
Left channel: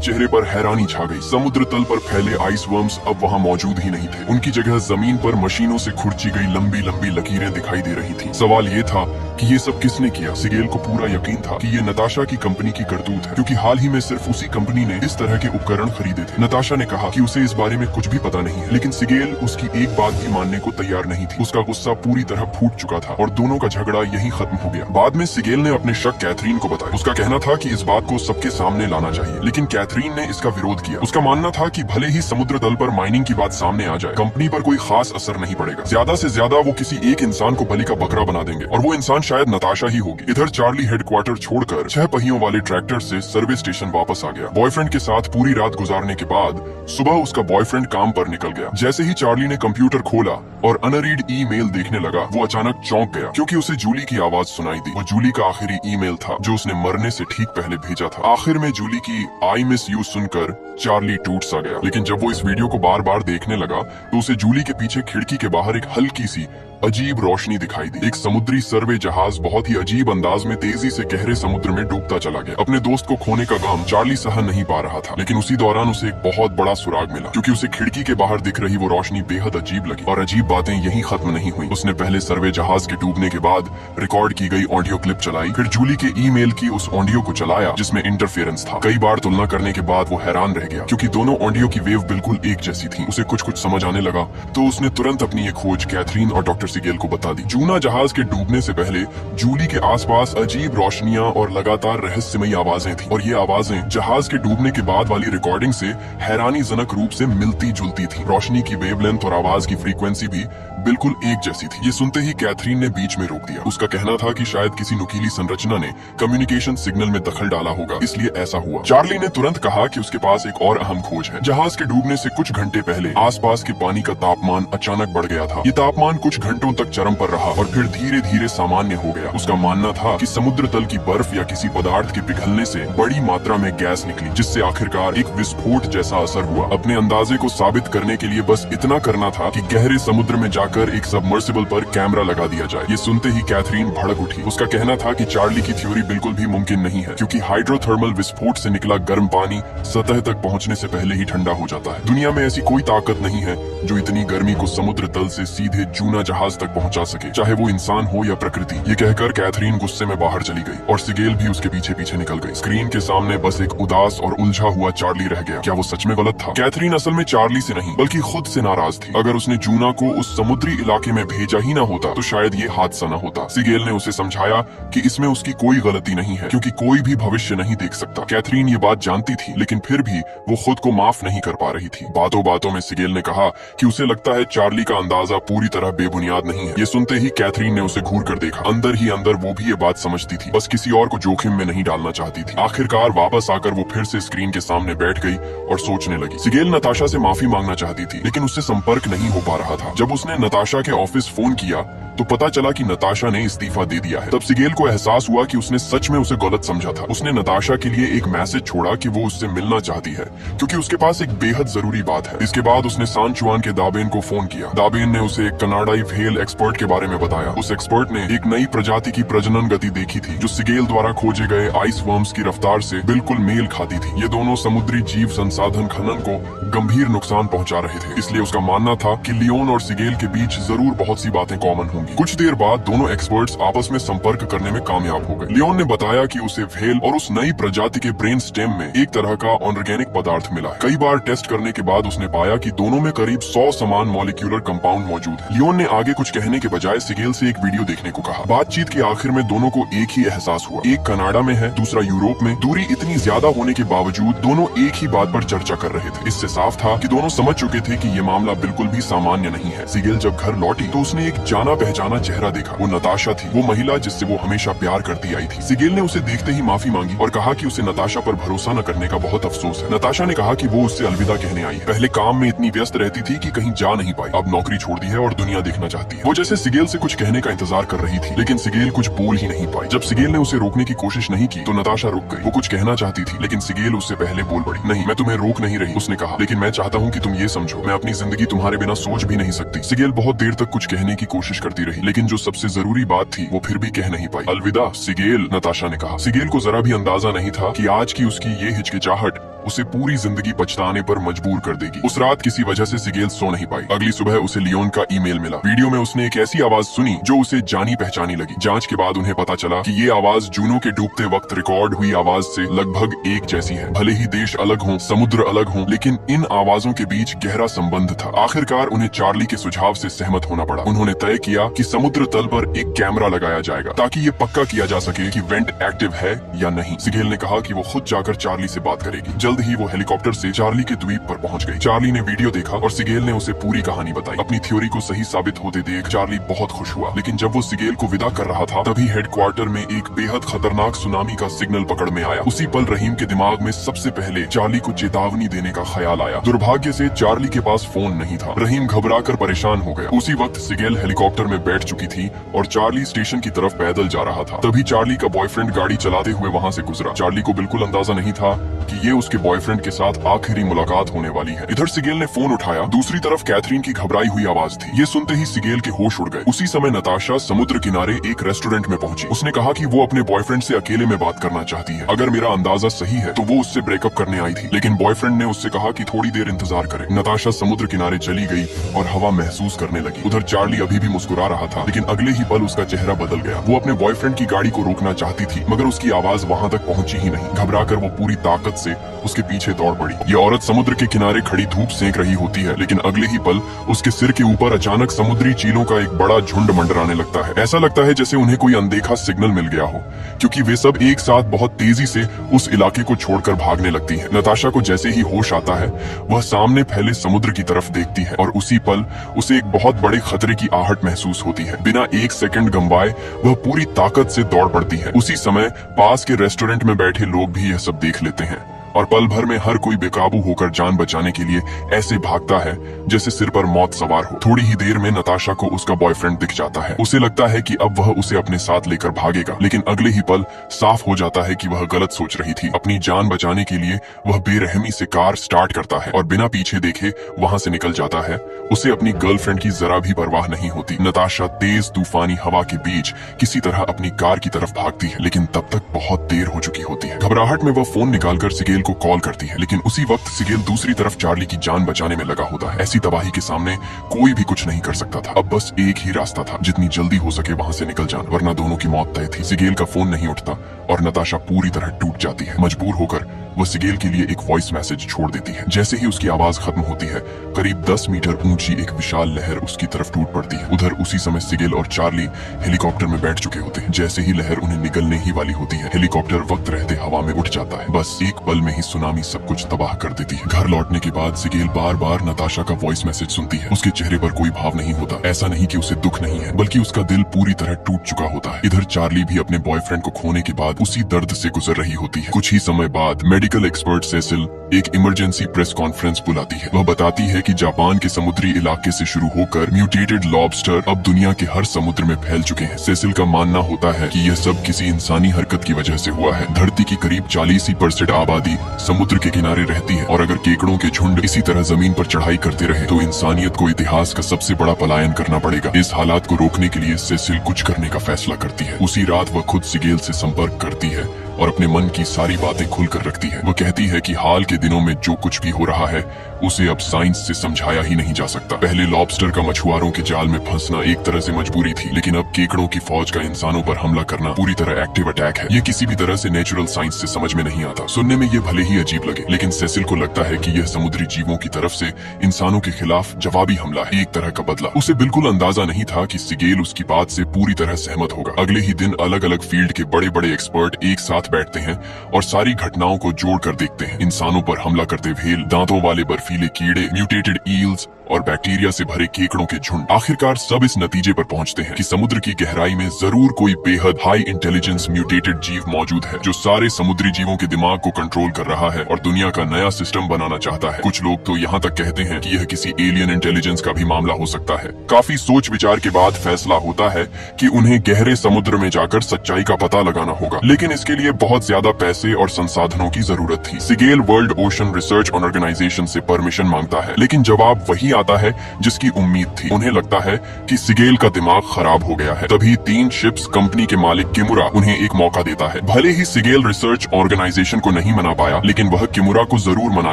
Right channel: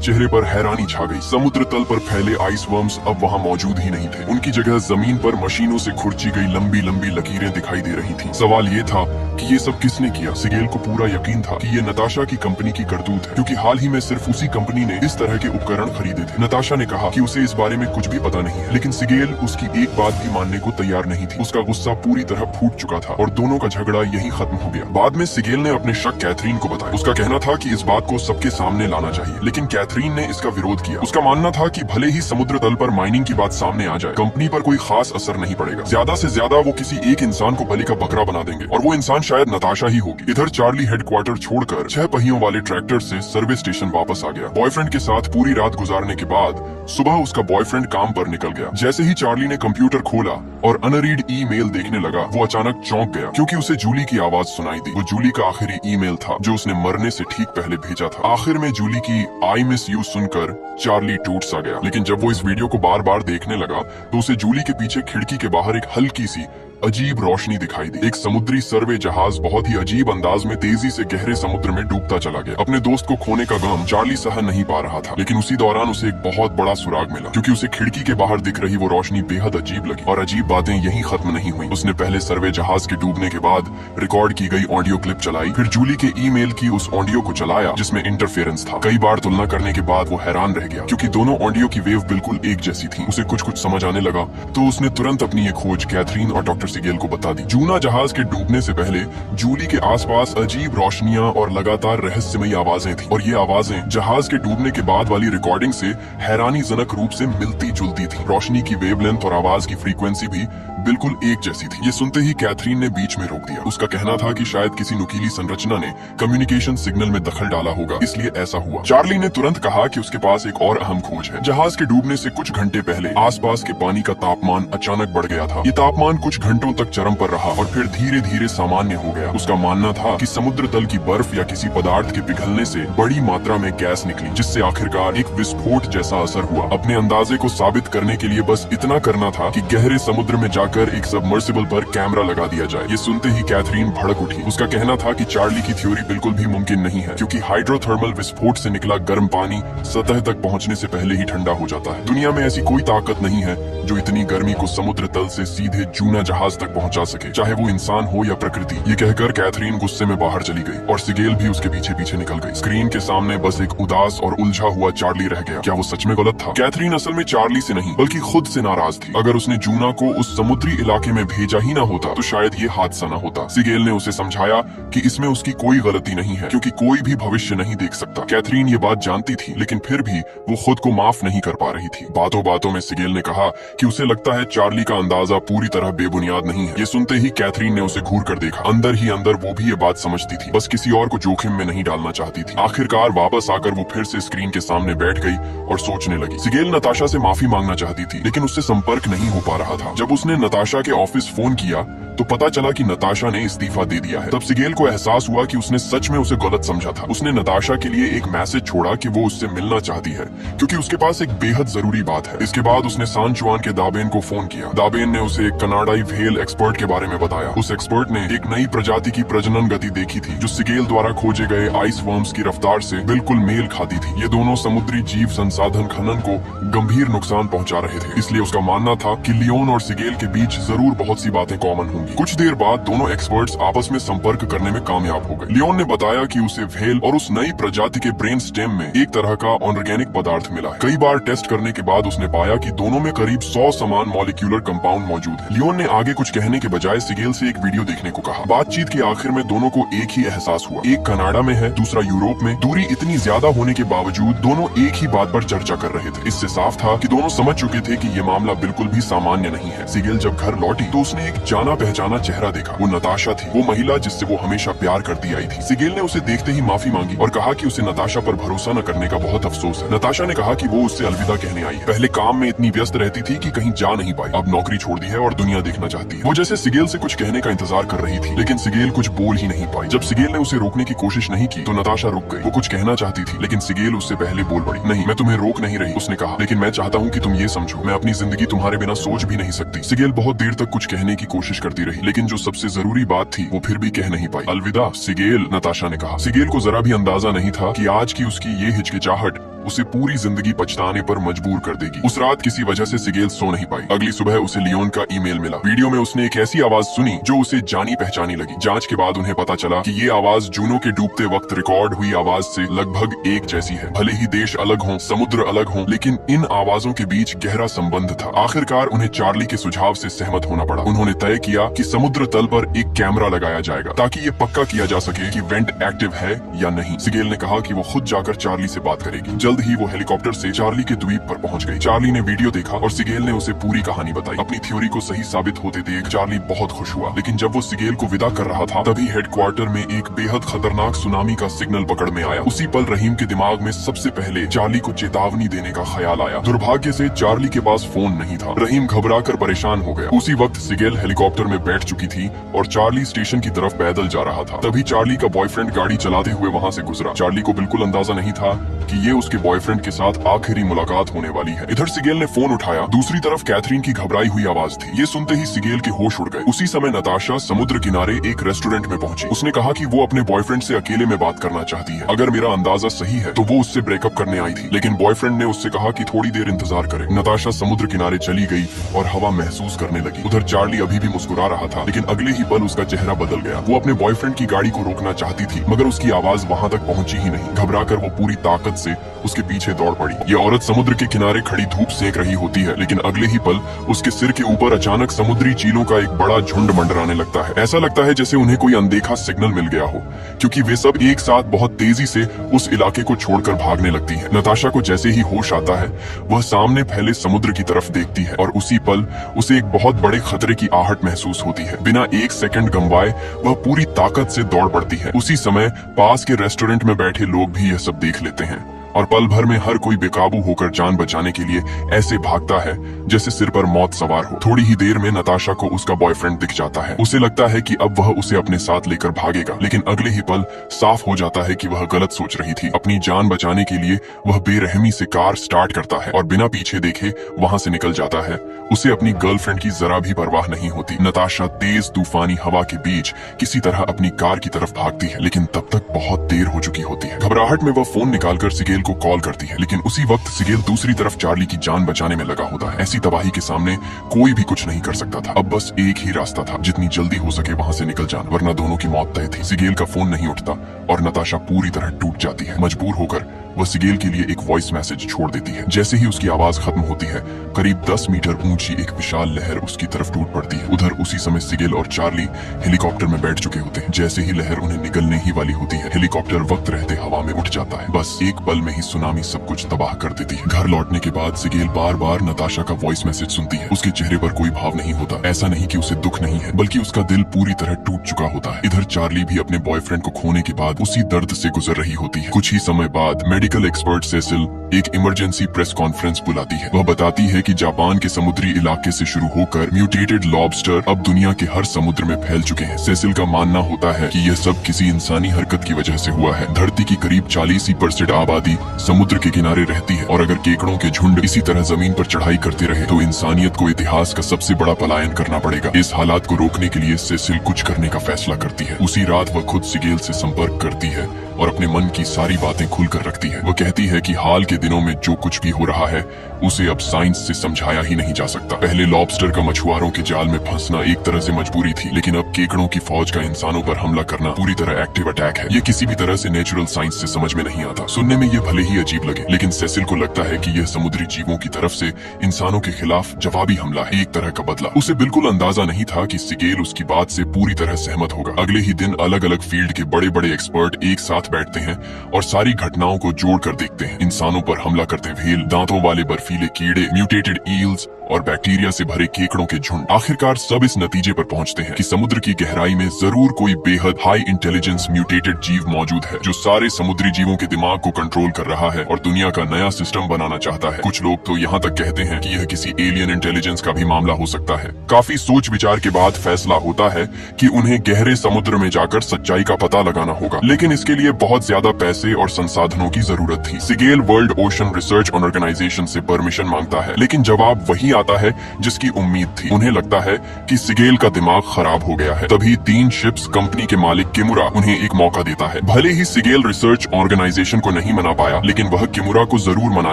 चेहरे पर हैरानी छा गई। समुद्र तल पर फैले आइस वर्म्स अब वहाँ मौजूद ही नहीं थे। उनकी जगह जमीन पर मशीनों से खुरची गई लंबी लंबी लकीरें दिखाई दे रही थी। सवाल ये था कि ये सब किसने किया। सिगेल को पूरा यकीन था कि ये नताशा की कंपनी की करतूत है, क्योंकि हाल ही में सिर्फ उसी कंपनी ने इस तरह के उपकरण खरीदे थे। नताशा ने कहा कि उसे इस बारे में कुछ भी पता नहीं है, लेकिन सिगेल उसकी एक बात भी मानने को तैयार नहीं थी। उसका गुस्सा पूरी तरह फूट चुका था और दोनों का झगड़ा यहीं खत्म हो गया। बाद में सिगेल ने अपने शक कैथरीन को बताया। उसका कहना था कि इस बात को सबके सामने लाना चाहिए, लेकिन कैथरीन ने इसका विरोध किया। उसका मानना था कि भले ही समुद्र तल पर माइनिंग की बात सामने आ जाए, कंपनी पर कोई खास असर नहीं पड़ेगा। ज्यादा से ज्यादा वो किसी एक इंसान को बलि का बकरा बना देंगे और वो इंसान शायद नताशा ही होगी। इधर चार्ली हेडक्वार्टर छोड़कर 6 पहियों वाले ट्रैक्टर से सर्विस स्टेशन वापस आ गया। बॉयफ्रेंड के साथ पूरी रात गुजारने के बाद सुबह उसका बॉयफ्रेंड काम पर निकल गया। जैसे ही चार्ली ने कंप्यूटर खोला और अनरीड ईमेल देखने लगा, वो अचानक चौंक गया क्योंकि उसे जूली की आवाज सुनाई दी। वो जूली का आखिरी ईमेल था जो उसने मरने से ठीक पहले भेजा था। आखिर में जूली की आई मिस यू सुनकर चार्ली टूट सा गया, लेकिन जब वो इस वीडियो को बार बार देखने लगा तो उसे जूली के पीछे खिड़की के बाहर एक हल्की सी अजीब रोशनी दिखाई दी। एक समुद्री सर्वे जहाज बहुत ही अजीब अंदाज में तेजी से गहरे समुद्र में डूबता चला गया। अपने दोस्त को खोने का गम चार्ली सहन नहीं पा रहा था, लेकिन उसी दौरान उसे एक बहुत बड़ा सुराग मिला, क्योंकि उसे खिड़की के बाहर दिख रही वो रोशनी बेहद अजीब लगी। और अजीब बातें यहीं खत्म नहीं हुई। उसने पहले सर्वे जहाज के डूबने के बाद रिकॉर्ड की गई ऑडियो क्लिप चलाई, फिर जूली के ईमेल की उस ऑडियो को चलाया जिसमें इंटरफेरेंस था। कई बार तुलना करने के बाद वो हैरान रह गया, क्योंकि दोनों ऑडियो की वेव बिल्कुल एक जैसी थी। उसे कुछ समझ आने लगा तो उसने तुरंत अपनी ये खोज कैथरीन और डॉक्टर सिगेल को बता दी। जूना जहाज के डूबने से पहले जूली के आसपास अजीब रोशनियां और लगातार रहस्यमयी आवाजें थीं, और ये आवाजें जहाज के डूबने के बाद वाली रिकॉर्डिंग से हैरानीजनक रूप से मिलती जुलती थी। रोशनी की वेवलेंथ और आवाज की फ्रीक्वेंसी भी बिल्कुल एक जैसी थी। ये सुनते ही कैथरीन ने बीच में रोक दिया। उसका कहना था कि शायद किसी नुकीली संरचना ने कम्युनिकेशन सिग्नल में दखल डाला होगा, इसलिए ऐसा हुआ। चार्ली ने तुरंत कहा कि उसके पास एक और अहम खोज है। जहाज के डूबने से कुछ घंटे पहले आसपास के पानी का तापमान अचानक बढ़ गया था। ये तापमान कुछ घंटों तक चरम पर रहा और फिर धीरे धीरे सामान्य हो गया। उसका मानना था कि समुद्र तल की बर्फ या किसी पदार्थ के पिघलने से बड़ी मात्रा में गैस निकली, जिससे आखिरकार एक विस्फोट जैसा असर हुआ। अपने अंदाजे को साबित करने के लिए बस इतना करना था कि गहरे समुद्र में जाकर एक सबमर्सिबल पर कैमरा लगा दिया जाए। ये सुनते ही कैथरीन भड़क उठी। उसका कहना था कि चार्ली की थ्योरी बिल्कुल भी मुमकिन नहीं है, क्योंकि हाइड्रोथर्मल विस्फोट से निकला गर्म पानी सतह तक पहुंचने से पहले ही ठंडा हो जाता है। दुनिया में ऐसी कोई ताकत नहीं है जो इतनी गर्मी को समुद्र तल से सीधे जूना जहाज तक पहुंचा सके, चाहे वो इंसान हो या प्रकृति। ये कहकर कैथरीन गुस्से में बाहर चली गई और सिगेल भी उसके पीछे पीछे निकल गई। स्क्रीन के सामने बस एक उदास और उलझा हुआ चार्ली रह गया। क्या वो सच में गलत था? कैथरीन असल में चार्ली से नहीं बल्कि खुद से नाराज थी। अगर उसने जूना को उस समुद्री इलाके में भेजा ही ना होता तो शायद ये हादसा न होता। सिगेल ने उसे समझाया कि इसमें उसकी कोई गलती नहीं है, क्योंकि कोई भी भविष्य नहीं देख सकता। कैथरीन ये बात जानती थी, लेकिन फिर भी वो खुद को माफ नहीं कर पा रही थी। बातों बातों में सिगेल ने कहा कि उसे लगता है चार्ली का अंदाजा पूरी तरह बेबुनियाद नहीं है। ये सुनते ही कैथरीन ने उसे घूर कर देखा। अंदर ही अंदर वो भी ये बात समझती थी, बस किसी और को जोखिम में नहीं डालना चाहती थी। आखिरकार वापस आकर वो फिर से स्क्रीन के सामने बैठ गई और सोचने लगी। सिगेल नताशा से माफी मांगना चाहती थी, लेकिन उससे संपर्क नहीं हो पा रहा था। जब उसने नताशा के ऑफिस फोन किया तो पता चला कि नताशा ने इस्तीफा दे दिया है। तब सिगेल को एहसास हुआ कि उसने सच में उसे गलत समझा था। उसने नताशा के लिए एक मैसेज छोड़ा कि वो उससे मिलना चाहती है क्योंकि उसके पास एक बेहद जरूरी बात है। इसके बाद उसने सान जुआन के दाबेन को फोन किया। दाबेन ने उसे एक कनाडाई व्हेल एक्सपर्ट के बारे में बताया। उस एक्सपर्ट ने एक नई प्रजाति की प्रजनन गति देखी थी जो सिगेल द्वारा खोजे गए आइस वर्म्स की रफ्तार से बिल्कुल मेल खाती थी। ये दोनों समुद्री जीव संसाधन खनन को गंभीर नुकसान पहुंचा रहे थे, इसलिए उसका मानना था कि लियोन और सिगेल के बीच जरूर बहुत सी बातें कॉमन होंगी। कुछ देर बाद दोनों एक्सपर्ट्स आपस में संपर्क करने में कामयाब हो गए। लियोन ने बताया कि उसे व्हेल और उस नई प्रजाति के ब्रेन स्टेम में एक तरह का ऑर्गेनिक पदार्थ मिला है। कई बार टेस्ट करने के बाद उसने पाया कि दोनों में करीब 100 समान मॉलिक्यूलर कंपाउंड मौजूद है। लियोन ने आगे कुछ कहने के बजाय सिगेल से एक वीडियो देखने को कहा। बातचीत के आखिर में दोनों को एक ही एहसास हुआ, एक कनाडा में है, दूसरा यूरोप में। दूरी इतनी ज्यादा होने के बावजूद दोनों एक ही बात पर चर्चा कर रहे थे। इससे साफ था कि दोनों समझ चुके थे कि ये मामला बिल्कुल भी सामान्य नहीं है। सिगेल जब घर लौटी तो उसने एक जाना पहचाना चेहरा देखा। वो नताशा थी, वो महिला जिससे वो हमेशा प्यार करती आई थी। सिगेल ने उसे देखते ही माफी मांगी और कहा कि उसे नताशा पर भरोसा न करने का बहुत अफसोस है। नताशा ने कहा कि वो उससे अलविदा कहने आई है। पहले काम में इतनी व्यस्त रहती थी कि कहीं जा नहीं पाई, अब नौकरी छोड़ दी है और दुनिया देखना चाहती है। वो जैसे सिगेल से कुछ कहने का इंतजार कर रही थी, लेकिन सिगेल कुछ बोल ही नहीं पाई। जब सिगेल ने उसे रोकने की कोशिश नहीं की तो नताशा रुक गई। वो कुछ कहना चाहती थी, लेकिन सिगेल उससे पहले बोल पड़ी। नहीं, मैं तुम्हें रोक नहीं रही, उसने कहा, लेकिन मैं चाहता हूँ कि तुम ये समझो, मैं अपनी जिंदगी तुम्हारे बिना सोच भी नहीं सकती। सिगेल बहुत देर तक कुछ कहने की कोशिश करती रही, लेकिन जो सबसे जरूरी बात थी वो फिर भी कह नहीं पाई। अलविदा सिगेल, नताशा ने कहा। सिगेल को जरा भी अंदाजा नहीं था कि आज की उसकी ये हिचकिचाहट उसे पूरी जिंदगी पछताने पर मजबूर कर देगी। उस रात किसी वजह से सिगेल सो नहीं पाई। अगली सुबह उसे लियोन का ईमेल मिला। वीडियो में उसने एक ऐसी आवाज सुनी जो उसे जानी पहचानी लगी। जांच के बाद उन्हें पता चला कि ये आवाज जूनो के डूबते वक्त रिकॉर्ड हुई आवाज से लगभग एक जैसी है। भले ही देश अलग हों, समुद्र अलग हों, लेकिन इन आवाजों के बीच गहरा संबंध था। आखिरकार उन्हें चार्ली के सुझाव से सहमत होना पड़ा। उन्होंने तय किया कि समुद्र तल पर एक कैमरा लगाया जाएगा ताकि ये पक्का किया जा सके कि वेंट एक्टिव है या नहीं। सिगेल ने कहा कि वो खुद जाकर चार्ली से बात करेगी। जल्द ही वो हेलीकॉप्टर से चार्ली के द्वीप पर पहुंच गई। चार्ली ने वीडियो देखा और सिगेल ने उसे पूरी कहानी बताई। अपनी थ्योरी को सही साबित होते देख चार्ली बहुत खुश हुआ, लेकिन जब वो सिगेल को विदा कर रहा था तभी हेडक्वार्टर में एक बेहद खतरनाक सुनामी का सिग्नल पकड़ में आया। उसी पल रहीम के दिमाग में सबसे पहले चार्ली को चेतावनी देने का ख्याल आया। दुर्भाग्य से चार्ली के पास फोन नहीं था। रहीम घबराकर परेशान हो गया। उसी वक्त सिगेल हेलीकॉप्टर में बैठ चुकी थी और चार्ली स्टेशन की तरफ पैदल जा रहा था। तभी चार्ली का बॉयफ्रेंड गाड़ी चलाते हुए वहाँ से गुजरा। चार्ली को बिल्कुल अंदाजा नहीं था कि ये उसके बॉयफ्रेंड के साथ आखिरी मुलाकात होने वाली है। इधर सिगेल ने फोन उठाया। दूसरी तरफ कैथरीन की घबराई हुई आवाज थी। ये सुनते ही सिगेल के होश उड़ गए। उसी समय नताशा समुद्र किनारे एक रेस्टोरेंट में पहुंची। उसने कहा कि वो अपने बॉयफ्रेंड से अकेले में बात करना चाहती है। अगर मेरा अंदाजा सही है तो वो उससे ब्रेकअप करने आई थी, लेकिन बॉयफ्रेंड ने उससे कहा कि थोड़ी देर इंतजार करे। नताशा समुद्र किनारे चली गई और हवा महसूस करने लगी। उधर चार्ली अभी भी मुस्कुरा रहा था, लेकिन अगले ही पल उसका चेहरा बदल गया। वो अपने बॉयफ्रेंड की गाड़ी को रोकना चाहती थी, मगर उसकी आवाज वहां तक पहुंची ही नहीं। घबराकर वो पूरी ताकत से उसके पीछे दौड़ पड़ी। ये औरत समुद्र के किनारे खड़ी धूप सेक रही होती है, लेकिन अगले ही पल उसके सिर के ऊपर अचानक समुद्री चीलों का एक बड़ा झुंड मंडराने लगता है। ऐसा लगता है जैसे उन्हें कोई अनदेखा सिग्नल मिल गया हो, क्योंकि वे सब एक साथ बहुत तेजी से उस इलाके को छोड़कर भागने लगती हैं। नताशा को जैसे ही होश आता है वह सामने फैले समुद्र की तरफ देखती है और उसी पल उसे एक बहुत बड़े खतरे की आहट महसूस होती है। बिना एक सेकंड गंवाए वह पूरी ताकत से दौड़ पड़ती है। उसी समय पास के रेस्टोरेंट में बैठे लोग भी यह सब देख लेते हैं और पल भर में हर कोई बेकाबू होकर जान बचाने के लिए ऐसे भागता है जैसे सिर पर मौत सवार हो। थोड़ी ही देर में नताशा को उसका बॉयफ्रेंड दिख जाता है। उसे लगता है कि अब वह उसे अपने साथ लेकर भागेगा, लेकिन अगले ही पल साफ हो जाता है कि वह गलत सोच रही थी। अपनी जान बचाने के लिए वह बेरहमी से कार स्टार्ट करता है और बिना पीछे देखे वहां से निकल जाता है। उसे अपनी गर्लफ्रेंड की जरा भी परवाह नहीं होती। नताशा तेज तूफानी हवा के बीच किसी तरह अपनी कार की तरफ भागती है, लेकिन तब तक बहुत देर हो चुकी होती है। घबराहट में वह फोन निकालकर सिगेल को कॉल करती है, लेकिन उसी वक्त सिगेल दूसरी तरफ चार्ली की जान बचाने में लगा होता है। ऐसी तबाही के सामने कोई भी कुछ नहीं कर सकता था। अब बस एक ही रास्ता था, जितनी जल्दी हो सके वहां से निकल जाना, वरना दोनों की मौत तय थी। सिगेल का फोन नहीं उठता और नताशा पूरी तरह टूट जाती है। मजबूर होकर वह सिगेल के लिए एक वॉइस मैसेज छोड़ देती है। जैसे ही उसकी आवाज खत्म होती है, करीब 10 मीटर ऊंची एक विशाल लहर उसकी तरफ टूट पड़ती है। उधर उसी समय सिगेल और चार्ली हेलीकॉप्टर में बैठ चुके होते हैं। जैसे ही लहर उन्हें निगलने ही वाली होती है, हेलीकॉप्टर वक्त रहते हवा में उठ जाता है। बस एक पल में ही सुनामी सब कुछ तबाह कर देती है। घर लौटने के बाद सिगेल बार बार नताशा का वॉइस मैसेज सुनती है। उसके चेहरे पर कोई भाव नहीं होता। ऐसा नहीं कि उसे दुख नहीं है, बल्कि उसका दिल पूरी तरह टूट चुका होता है। इधर चार्ली भी अपने बॉयफ्रेंड को खोने के बाद उसी दर्द से गुजर रही होती है। कुछ ही समय बाद मेडिकल एक्सपर्ट सेसिल एक इमरजेंसी प्रेस कॉन्फ्रेंस बुलाती है। वह बताती है कि जापान के समुद्री इलाके से शुरू होकर म्यूटेटेड लॉबस्टर अब दुनिया के हर समुद्र में फैल चुके हैं। सेसिल का मानना होता है कि यह सब किसी इंसानी हरकत की वजह से हुआ है। धरती की करीब 40% आबादी समुद्र के किनारे रहती है और अगर केकड़ों के झुंड इसी तरह जमीन पर चढ़ाई करते रहे तो इंसानियत को इतिहास का सबसे बड़ा पलायन करना पड़ेगा। इस हालात को रोकने के लिए सेसिल कुछ करने का फैसला करती है। उसी रात वह खुद सिगेल से संपर्क करती है और अपने मन की सारी बातें खुलकर रखती है। वो कहती है कि हाल के दिनों में जो कुछ भी हो रहा है उसे अब साइंस से समझाया ही नहीं जा सकता। पहले लॉबस्टर का मछुआरों के जाल में फंसना एक तरह से मजबूरी थी, लेकिन अब केकड़ों की फौज का इंसानों पर हमला करना पूरी तरह एक्टिव अटैक है। ये किसी भी तरह से नेचुरल साइंस से समझ में नहीं आता। सुनने में ये भले ही अजीब लगे, लेकिन सेसिल को लगता है कि यह समुद्री जीवों की तरफ से इंसानों के खिलाफ जवाबी हमला है, एक तरह का बदला। उसे बिल्कुल अंदाजा नहीं था कि सिगेल उसकी बात से पूरी तरह सहमत होगा। अगले ही दिन अलग अलग फील्ड के बड़े बड़े एक्सपर्ट एक साथ बैठते हैं और सारी घटनाओं को जोड़कर देखते हैं। इंसानों पर हमला करते व्हेल, दांतों वाले बर्फीले कीड़े, म्यूटेटेड ईल्स और बैक्टीरिया से भरे केकड़ों के झुंड। आखिरकार सब इस नतीजे पर पहुंचते हैं कि समुद्र की गहराई में जरूर कोई बेहद हाई इंटेलिजेंस म्यूटेटेड जीव मौजूद है जो सारे समुद्री जीवों के दिमाग को कंट्रोल कर रहा है और दुनिया का नया सिस्टम बनाना चाहता है। कुछ लोग तो यहाँ तक कहते हैं कि यह किसी एलियन इंटेलिजेंस का भी मामला हो सकता है। काफी सोच विचार के बाद फैसला होता है कि उन्हें गहरे समुद्र में जाकर सच्चाई का पता लगाना होगा, लेकिन इसके लिए बहुत ज्यादा पैसे और संसाधनों की जरूरत थी। Siegel world ocean research organisation से परमिशन मांगता है, लेकिन जवाब वही आता है जिसकी उम्मीद थी। उन्हें लगता है कि सिगेल का दिमाग खराब हो गया है। तभी 3 शिप्स कंपनी के मालिक किमुरा उन्हें एक मौका देता है। भले ही सिगेल रिसर्च ऑर्गेनाइजेशन को नहीं मना पाया, लेकिन वह किमुरा को जरूर मना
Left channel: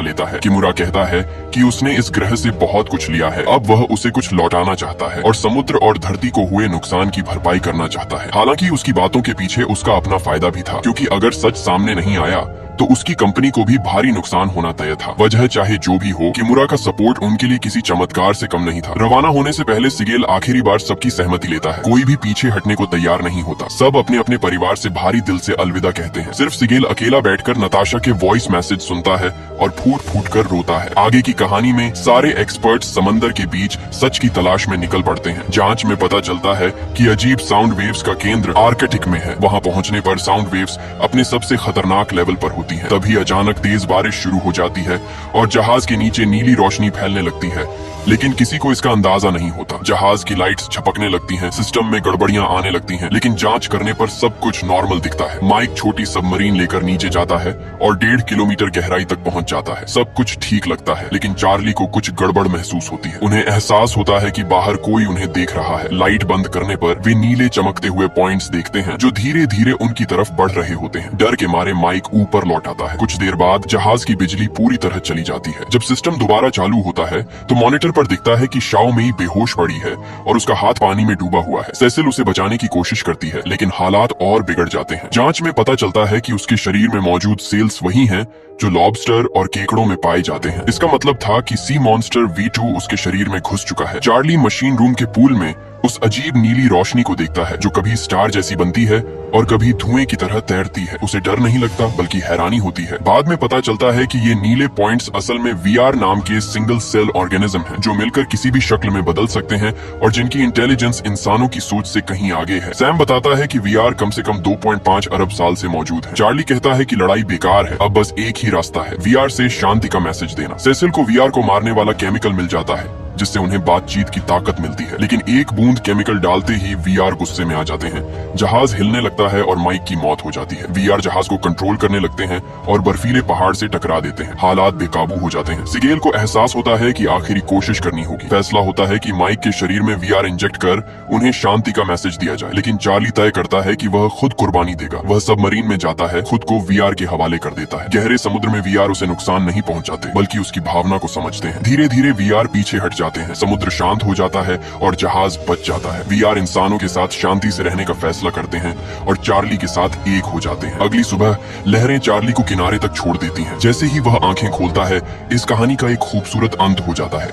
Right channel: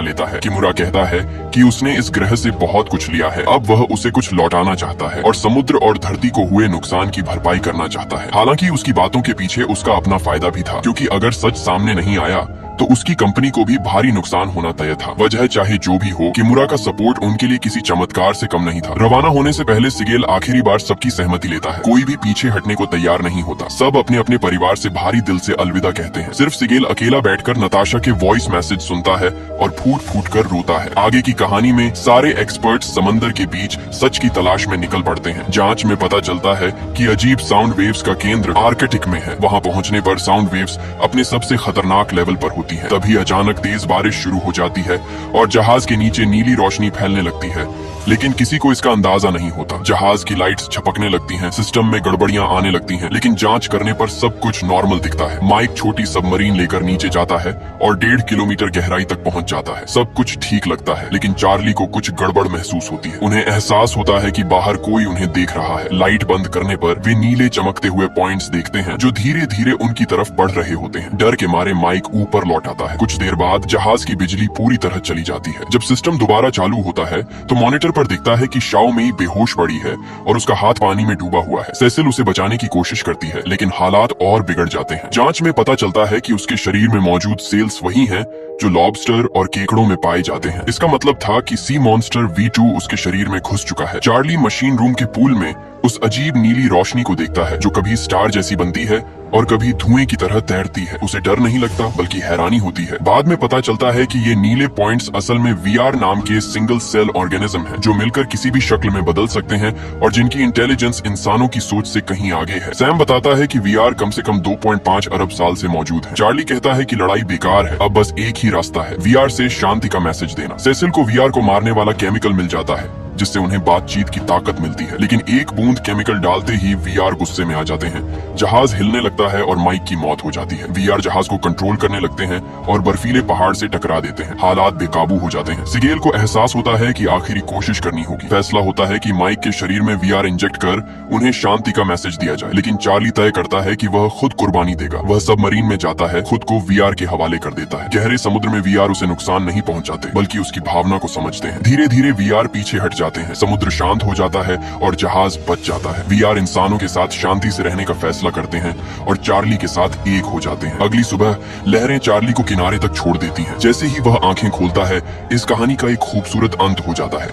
लेता है। किमुरा कहता है कि उसने इस ग्रह से बहुत कुछ लिया है, अब वह उसे कुछ लौटाना चाहता है और समुद्र और धरती को हुए नुकसान की भरपाई करना चाहता है। हालांकि उसकी बातों के पीछे उसका अपना फायदा भी था, क्योंकि अगर सच सामने नहीं आया तो उसकी कंपनी को भी भारी नुकसान होना तय था। वजह चाहे जो भी हो, किमुरा का सपोर्ट उनके लिए किसी चमत्कार से कम नहीं था। रवाना होने से पहले सिगेल आखिरी बार सबकी सहमति लेता है। कोई भी पीछे हटने को तैयार नहीं होता। सब अपने अपने परिवार से भारी दिल से अलविदा कहते हैं। सिर्फ सिगेल अकेला बैठकर नताशा के वॉइस मैसेज सुनता है और फूट फूट कर रोता है। आगे की कहानी में सारे एक्सपर्ट समंदर के बीच सच की तलाश में निकल पड़ते हैं। जांच में पता चलता है कि अजीब साउंड वेव्स का केंद्र आर्कटिक में है। वहाँ पहुँचने पर साउंड वेव्स अपने सबसे खतरनाक लेवल पर होती है। तभी अचानक तेज बारिश शुरू हो जाती है और जहाज के नीचे नीली रोशनी फैलने लगती है, लेकिन किसी को इसका अंदाजा नहीं होता। जहाज की लाइट्स झपकने लगती हैं, सिस्टम में गड़बड़ियां आने लगती हैं, लेकिन जांच करने पर सब कुछ नॉर्मल दिखता है। माइक छोटी सबमरीन लेकर नीचे जाता है और 1.5 किलोमीटर गहराई तक पहुंच जाता है। सब कुछ ठीक लगता है, लेकिन चार्ली को कुछ गड़बड़ महसूस होती है। उन्हें एहसास होता है कि बाहर कोई उन्हें देख रहा है। लाइट बंद करने पर वे नीले चमकते हुए पॉइंट्स देखते हैं जो धीरे धीरे उनकी तरफ बढ़ रहे होते हैं। डर के मारे माइक ऊपर लौट आता है। कुछ देर बाद जहाज की बिजली पूरी तरह चली जाती है। जब सिस्टम दोबारा चालू होता है तो मॉनिटर पर दिखता है कि शाओ मेई बेहोश पड़ी है और उसका हाथ पानी में डूबा हुआ है। सेसिल उसे बचाने की कोशिश करती है, लेकिन हालात और बिगड़ जाते हैं। जांच में पता चलता है कि उसके शरीर में मौजूद सेल्स वही हैं जो लॉबस्टर और केकड़ों में पाए जाते हैं। इसका मतलब था कि सी मॉन्स्टर V2 उसके शरीर में घुस चुका है। चार्ली मशीन रूम के पूल में उस अजीब नीली रोशनी को देखता है जो कभी स्टार जैसी बनती है और कभी धुएं की तरह तैरती है। उसे डर नहीं लगता, बल्कि हैरानी होती है। बाद में पता चलता है कि ये नीले पॉइंट्स असल में VR नाम के सिंगल सेल ऑर्गेनिज्म हैं, जो मिलकर किसी भी शक्ल में बदल सकते हैं और जिनकी इंटेलिजेंस इंसानों की सोच से कहीं आगे है। सैम बताता है कि VR कम से कम 2.5 अरब साल से मौजूद है। चार्ली कहता है कि लड़ाई बेकार है, अब बस एक ही रास्ता है, VR से शांति का मैसेज देना। सेसिल को VR को मारने वाला केमिकल मिल जाता है जिससे उन्हें बातचीत की ताकत मिलती है, लेकिन एक बूंद केमिकल डालते ही VR गुस्से में आ जाते हैं। जहाज हिलने लगता है और माइक की मौत हो जाती है। VR जहाज को कंट्रोल करने लगते हैं और बर्फीले पहाड़ से टकरा देते हैं। हालात बेकाबू हो जाते हैं। सिगेल को एहसास होता है कि आखिरी कोशिश करनी होगी। फैसला होता है कि माइक के शरीर में VR इंजेक्ट कर उन्हें शांति का मैसेज दिया जाए, लेकिन चार्ली तय करता है कि वह खुद कुर्बानी देगा। वह सबमरीन में जाता है, खुद को VR के हवाले कर देता है। गहरे समुद्र में VR उसे नुकसान नहीं पहुंचाते, बल्कि उसकी भावना को समझते हैं। धीरे धीरे VR पीछे हट जाते हैं। समुद्र शांत हो जाता है और जहाज बच जाता है। VR इंसानों के साथ शांति से रहने का फैसला करते हैं और चार्ली के साथ एक हो जाते हैं। अगली सुबह लहरें चार्ली को किनारे तक छोड़ देती हैं। जैसे ही वह आंखें खोलता है, इस कहानी का एक खूबसूरत अंत हो जाता है।